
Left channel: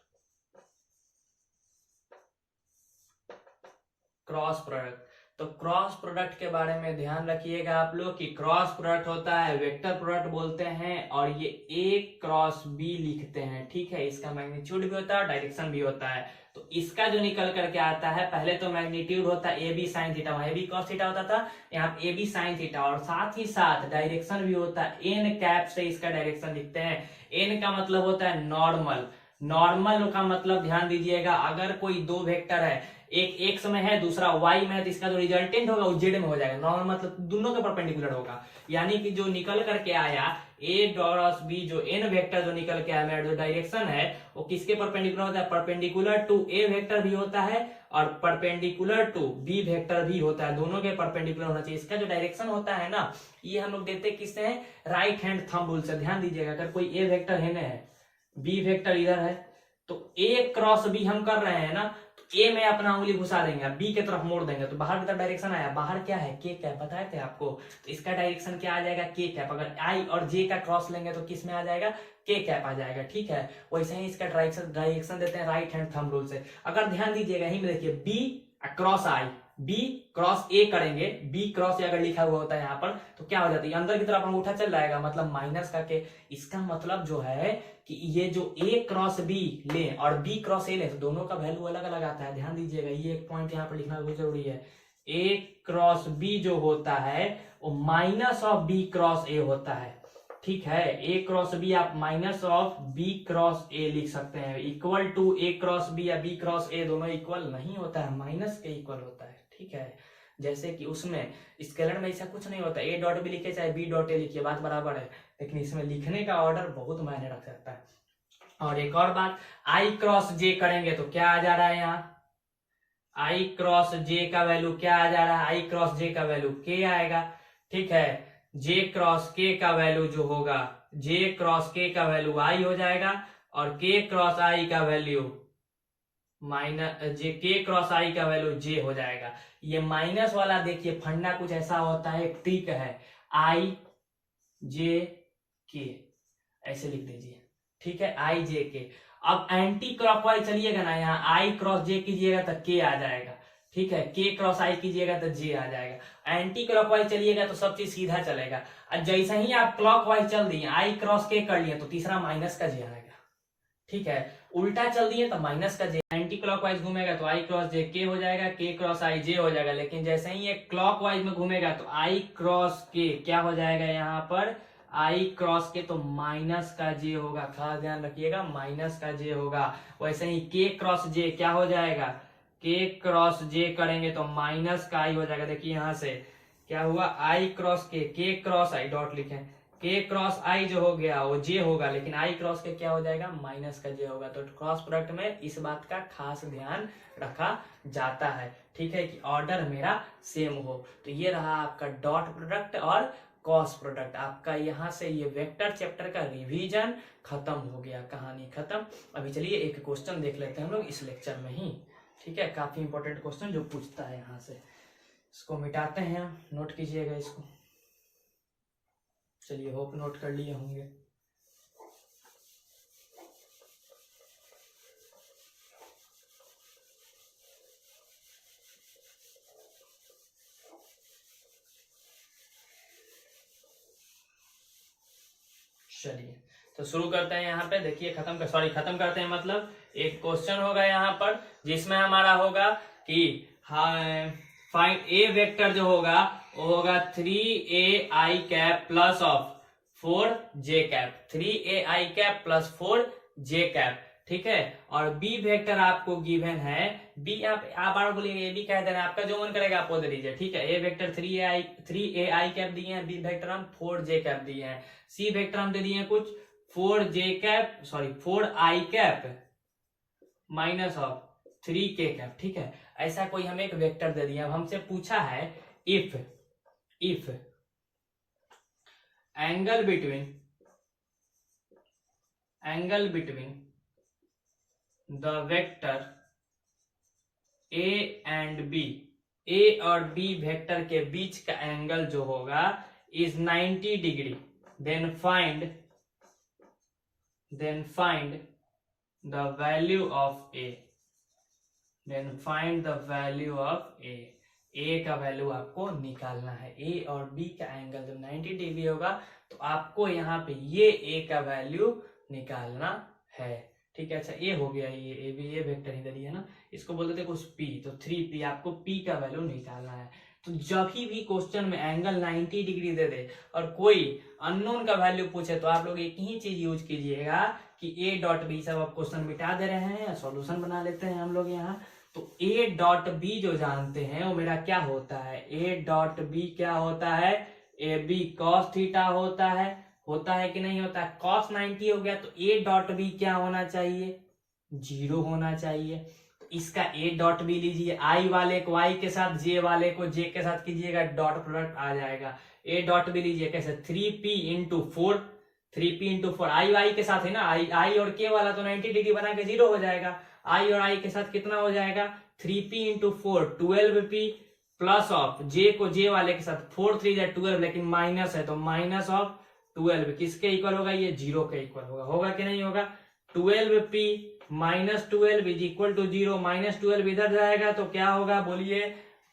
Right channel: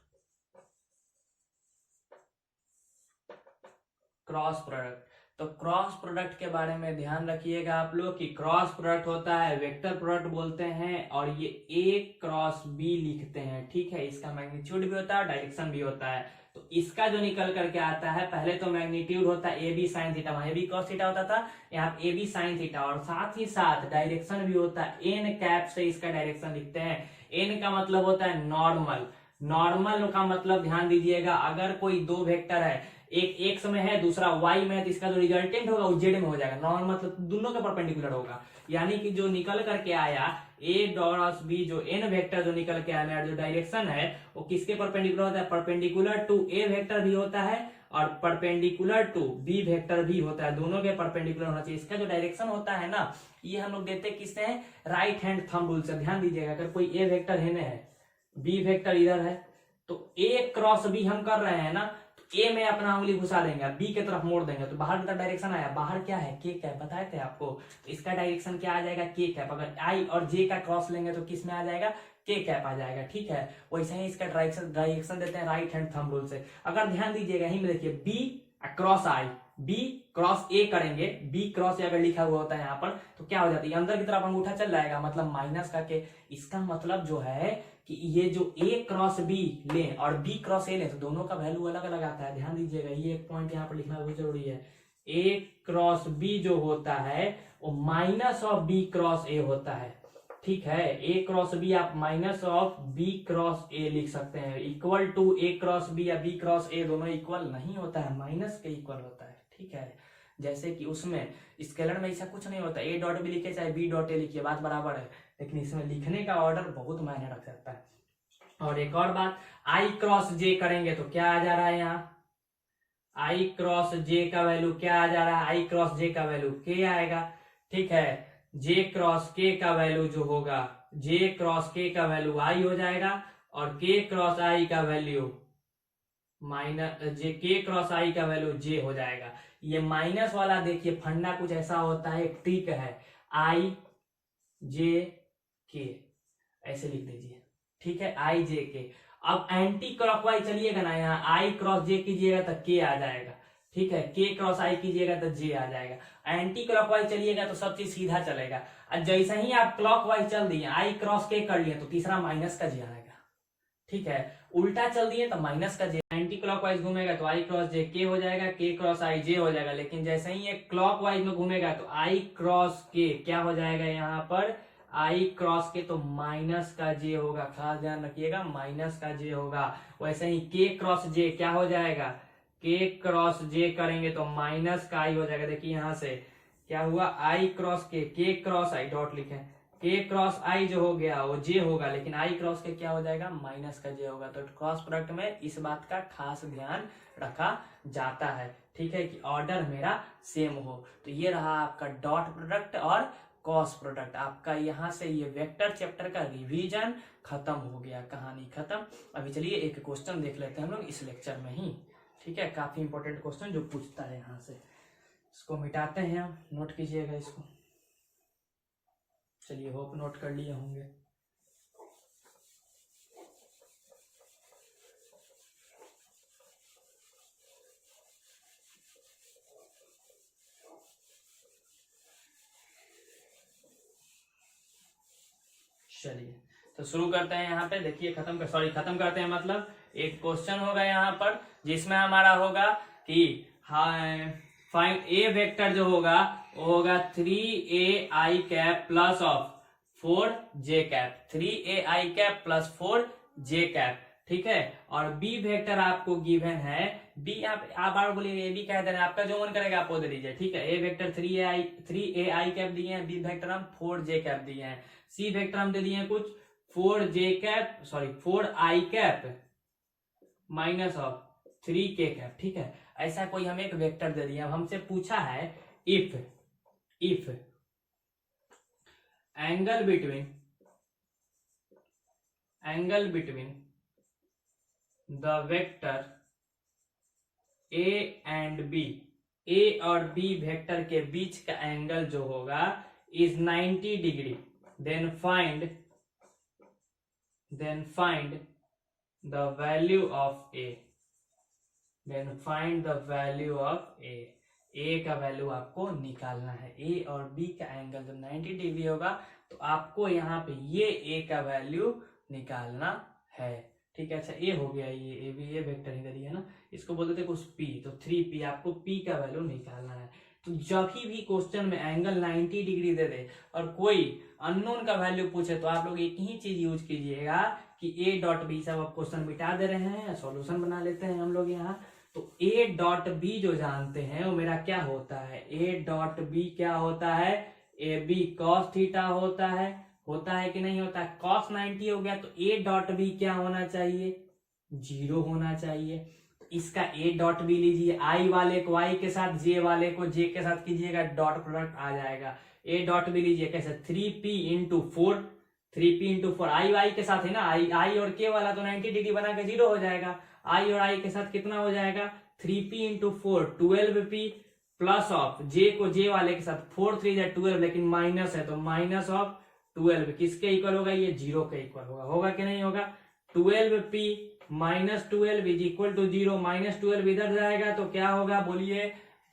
Cross product. तो क्रॉस प्रोडक्ट के बारे में ध्यान रखिएगा आप लोग कि क्रॉस प्रोडक्ट होता है, वेक्टर प्रोडक्ट बोलते हैं, और ये ए क्रॉस बी लिखते हैं। ठीक है, इसका मैग्नीट्यूड भी होता है, डायरेक्शन भी होता है। तो इसका जो निकल करके आता है, पहले तो मैग्नीट्यूड होता है ए बी साइन थीटा, वहां ए बी कॉस थीटा होता था, यहाँ ए बी साइन थीटा, और साथ ही साथ डायरेक्शन भी होता है, एन कैप से इसका डायरेक्शन लिखते हैं। एन का मतलब होता है नॉर्मल। नॉर्मल का मतलब ध्यान दीजिएगा, अगर कोई दो वेक्टर है, एक एक्स में है दूसरा वाई में है, तो इसका जो रिजल्टेंट होगा वो जेड में हो जाएगा। नॉर्मल मतलब दोनों के परपेंडिकुलर होगा, यानी कि जो निकल करके आया ए क्रॉस बी, जो एन वेक्टर जो निकल के आया मेरा जो डायरेक्शन है वो किसके परपेंडिकुलर होता है? परपेंडिकुलर टू ए वेक्टर भी होता है और परपेंडिकुलर टू बी वेक्टर भी होता है, दोनों के परपेंडिकुलर होना चाहिए। इसका जो डायरेक्शन होता है ना, ये हम लोग देते किससे है? राइट हैंड थंब रूल से। ध्यान दीजिएगा, अगर कोई ए वेक्टर है, बी वेक्टर इधर है, तो ए क्रॉस बी हम कर रहे हैं ना, ए में अपना उंगली घुसा देंगे, बी की तरफ मोड़ देंगे, तो बाहर की तरफ डायरेक्शन आया। बाहर क्या है? के कैप, बताए थे आपको। तो इसका डायरेक्शन क्या आ जाएगा? के कैप। अगर आई और जे का क्रॉस लेंगे तो किस में आ जाएगा? के कैप आ जाएगा। ठीक है, वैसे ही इसका डायरेक्शन देते हैं राइट हैंड थंब रूल से। अगर ध्यान दीजिएगा, यही में देखिए B cross I, B cross A करेंगे, बी क्रॉस ए अगर लिखा हुआ होता है यहाँ पर, तो क्या हो जाता है? अंदर की तरफ अंगूठा चल जाएगा, मतलब माइनस का के। इसका मतलब जो है कि ये जो ए क्रॉस बी ले और बी क्रॉस ए ले, तो दोनों का वैल्यू अलग अलग आता है। ध्यान दीजिएगा, ये एक पॉइंट यहाँ पर लिखना बहुत जरूरी है। ए क्रॉस बी जो होता है वो minus of B cross A होता है। ठीक है, ए क्रॉस बी आप minus of B cross A लिख सकते हैं। Equal to A cross B या बी क्रॉस ए दोनों इक्वल नहीं होता है, माइनस के इक्वल होता है। ठीक है, जैसे कि उसमें स्केलर में ऐसा कुछ नहीं होता, ए डॉट बी लिखे चाहे बी डॉट ए लिखिए, बात बराबर है, लेकिन इसमें लिखने का ऑर्डर बहुत मायने रख सकता है। और एक और बात, आई क्रॉस जे करेंगे तो क्या आ जा रहा है यहाँ? आई क्रॉस जे का वैल्यू क्या आ जा रहा है? आई क्रॉस जे का वैल्यू के आएगा। ठीक है, जे क्रॉस के का वैल्यू जो होगा, जे क्रॉस के का वैल्यू आई हो जाएगा, और के क्रॉस आई का वैल्यू माइनस जे, के क्रॉस आई का वैल्यू जे हो जाएगा। ये माइनस वाला देखिए फंडा कुछ ऐसा होता है, एक ट्रिक है, आई जे के ऐसे लिख दीजिए। ठीक है, आई जे के। अब एंटी क्लॉकवाइज चलिएगा ना, यहाँ आई क्रॉस जे कीजिएगा तो के आ जाएगा। ठीक है, के क्रॉस आई कीजिएगा तो जे आ जाएगा। एंटी क्लॉकवाइज चलिएगा तो सब चीज सीधा चलेगा, और जैसे ही आप क्लॉकवाइज चल दिए, आई क्रॉस के कर लिए, तो तीसरा माइनस का जे आएगा। ठीक है, उल्टा चल दिए तो माइनस का जे। एंटी क्लॉकवाइज घूमेगा तो आई क्रॉस जे के हो जाएगा, के क्रॉस आई जे हो जाएगा। लेकिन जैसे ही ये क्लॉकवाइज में घूमेगा तो आई क्रॉस के क्या हो जाएगा? यहाँ पर आई क्रॉस के तो माइनस का जे होगा, खास ध्यान रखिएगा, माइनस का जे होगा। वैसे ही के क्रॉस जे क्या हो जाएगा? के क्रॉस जे करेंगे तो माइनस का आई हो जाएगा। देखिए यहाँ से क्या हुआ? आई क्रॉस के क्रॉस आई डॉट लिखे, के क्रॉस आई जो हो गया वो जे होगा, लेकिन आई क्रॉस के क्या हो जाएगा? माइनस का जे होगा। तो क्रॉस प्रोडक्ट में इस बात का खास ध्यान रखा जाता है। ठीक है, कि ऑर्डर मेरा सेम हो। तो ये रहा आपका डॉट प्रोडक्ट और क्रॉस प्रोडक्ट। आपका यहाँ से ये वेक्टर चैप्टर का रिवीजन खत्म हो गया, कहानी खत्म। अभी चलिए एक क्वेश्चन देख लेते हैं हम लोग इस लेक्चर में ही। ठीक है, काफी इंपॉर्टेंट क्वेश्चन जो पूछता है यहाँ से। इसको मिटाते हैं हम, नोट कीजिएगा इसको। चलिए, होप नोट कर लिए होंगे। चलिए, तो शुरू करते हैं। यहाँ पे देखिए, खत्म करते हैं, मतलब एक क्वेश्चन होगा यहाँ पर जिसमें हमारा होगा कि फाइंड ए वेक्टर जो होगा वो होगा 3ai cap plus of 4j cap, 3ai cap plus 4j cap. ठीक है, और बी वेक्टर आपको गिवन है, बी आप बार बोलिए ए बी कह दे रहे हैं, आपका जो मन करेगा आप वो दे दीजिए। ठीक है, ए वेक्टर 3ai कैप दिए हैं, बी वेक्टर हम 4j कैप दिए हैं, सी वेक्टर हम दे दिए हैं कुछ 4i cap minus of 3k cap. ठीक है, ऐसा कोई हमें एक वेक्टर दे दिया। अब हमसे पूछा है if angle between the vector A and B, A और बी वेक्टर के बीच का एंगल जो होगा is 90 degree, then find the value of a, then find the value of a का वैल्यू आपको निकालना है। ए और बी का एंगल जब 90 डिग्री होगा तो आपको यहाँ पे ये ए का वैल्यू निकालना है। ठीक है, अच्छा ये हो गया, ये भी ये वेक्टर इधर ही है ना, इसको बोलते थे कुछ पी, तो 3p आपको p का वैल्यू निकालना है। तो जब भी क्वेश्चन में एंगल 90 डिग्री दे दे और कोई अननोन का वैल्यू पूछे तो आप लोग एक ही चीज यूज कीजिएगा कि a डॉट बी, सब आप क्वेश्चन मिटा दे रहे हैं, सॉल्यूशन बना लेते हैं हम लोग यहाँ। तो a डॉट बी जो जानते हैं वो मेरा क्या होता है, a डॉट बी क्या होता है, ए बी कॉस थीटा होता है कि नहीं होता है। कॉस 90 हो गया तो a डॉट बी क्या होना चाहिए, 0 होना चाहिए। तो इसका a डॉट बी लीजिए, i वाले को i के साथ, j वाले को j के साथ कीजिएगा, डॉट प्रोडक्ट आ जाएगा। a डॉट बी लीजिए कैसे, 3p into 4, 3p into 4, i के साथ है ना, i और k वाला तो 90 डिग्री बना के 0 हो जाएगा, i और i के साथ कितना हो जाएगा, 3p into 4 12p plus of j को j वाले के साथ 4 3 या 12, लेकिन माइनस है तो माइनस ऑफ 12 किसके इक्वल होगा, ये 0 के इक्वल होगा कि नहीं होगा। 12p minus 12 is equal to 0, minus 12 इधर जाएगा तो क्या होगा बोलिए,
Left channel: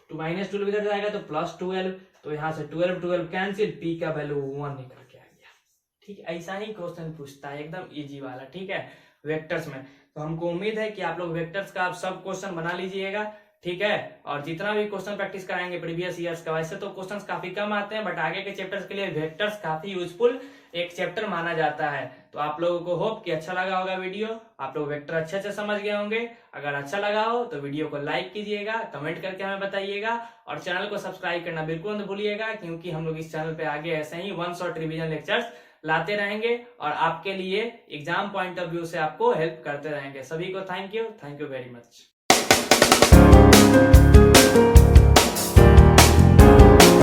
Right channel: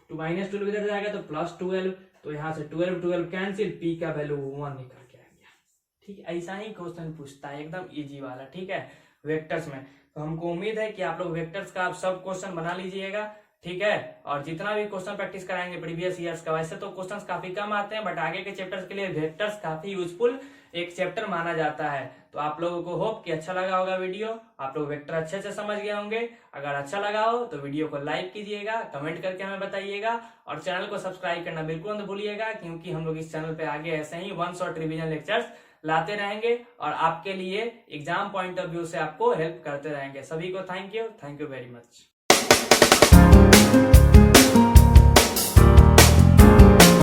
माइनस 12 इधर जाएगा तो प्लस 12, तो यहाँ से 12 12 कैंसिल, p का वैल्यू 1 निकल के आ गया। ठीक है, ऐसा ही क्वेश्चन पूछता है, एकदम इजी वाला। ठीक है, वेक्टर्स में। तो हमको उम्मीद है कि आप लोग वेक्टर्स का आप सब क्वेश्चन बना लीजिएगा। ठीक है, और जितना भी क्वेश्चन प्रैक्टिस कराएंगे प्रीवियस ईयर्स का, वैसे तो क्वेश्चंस काफी कम आते हैं, बट आगे के चैप्टर्स के लिए वेक्टर्स काफी यूजफुल एक चैप्टर माना जाता है। तो आप लोगों को होप कि अच्छा लगा होगा वीडियो, आप लोग वेक्टर अच्छे से समझ गए होंगे। अगर अच्छा लगा हो तो वीडियो को लाइक कीजिएगा, कमेंट करके हमें बताइएगा, और चैनल को सब्सक्राइब करना बिल्कुल मत भूलिएगा, क्योंकि हम लोग इस चैनल पे आगे ऐसे ही 1 शॉट रिवीजन लेक्चर्स लाते रहेंगे और आपके लिए एग्जाम पॉइंट ऑफ व्यू से आपको हेल्प करते रहेंगे। सभी को थैंक यू वेरी मच।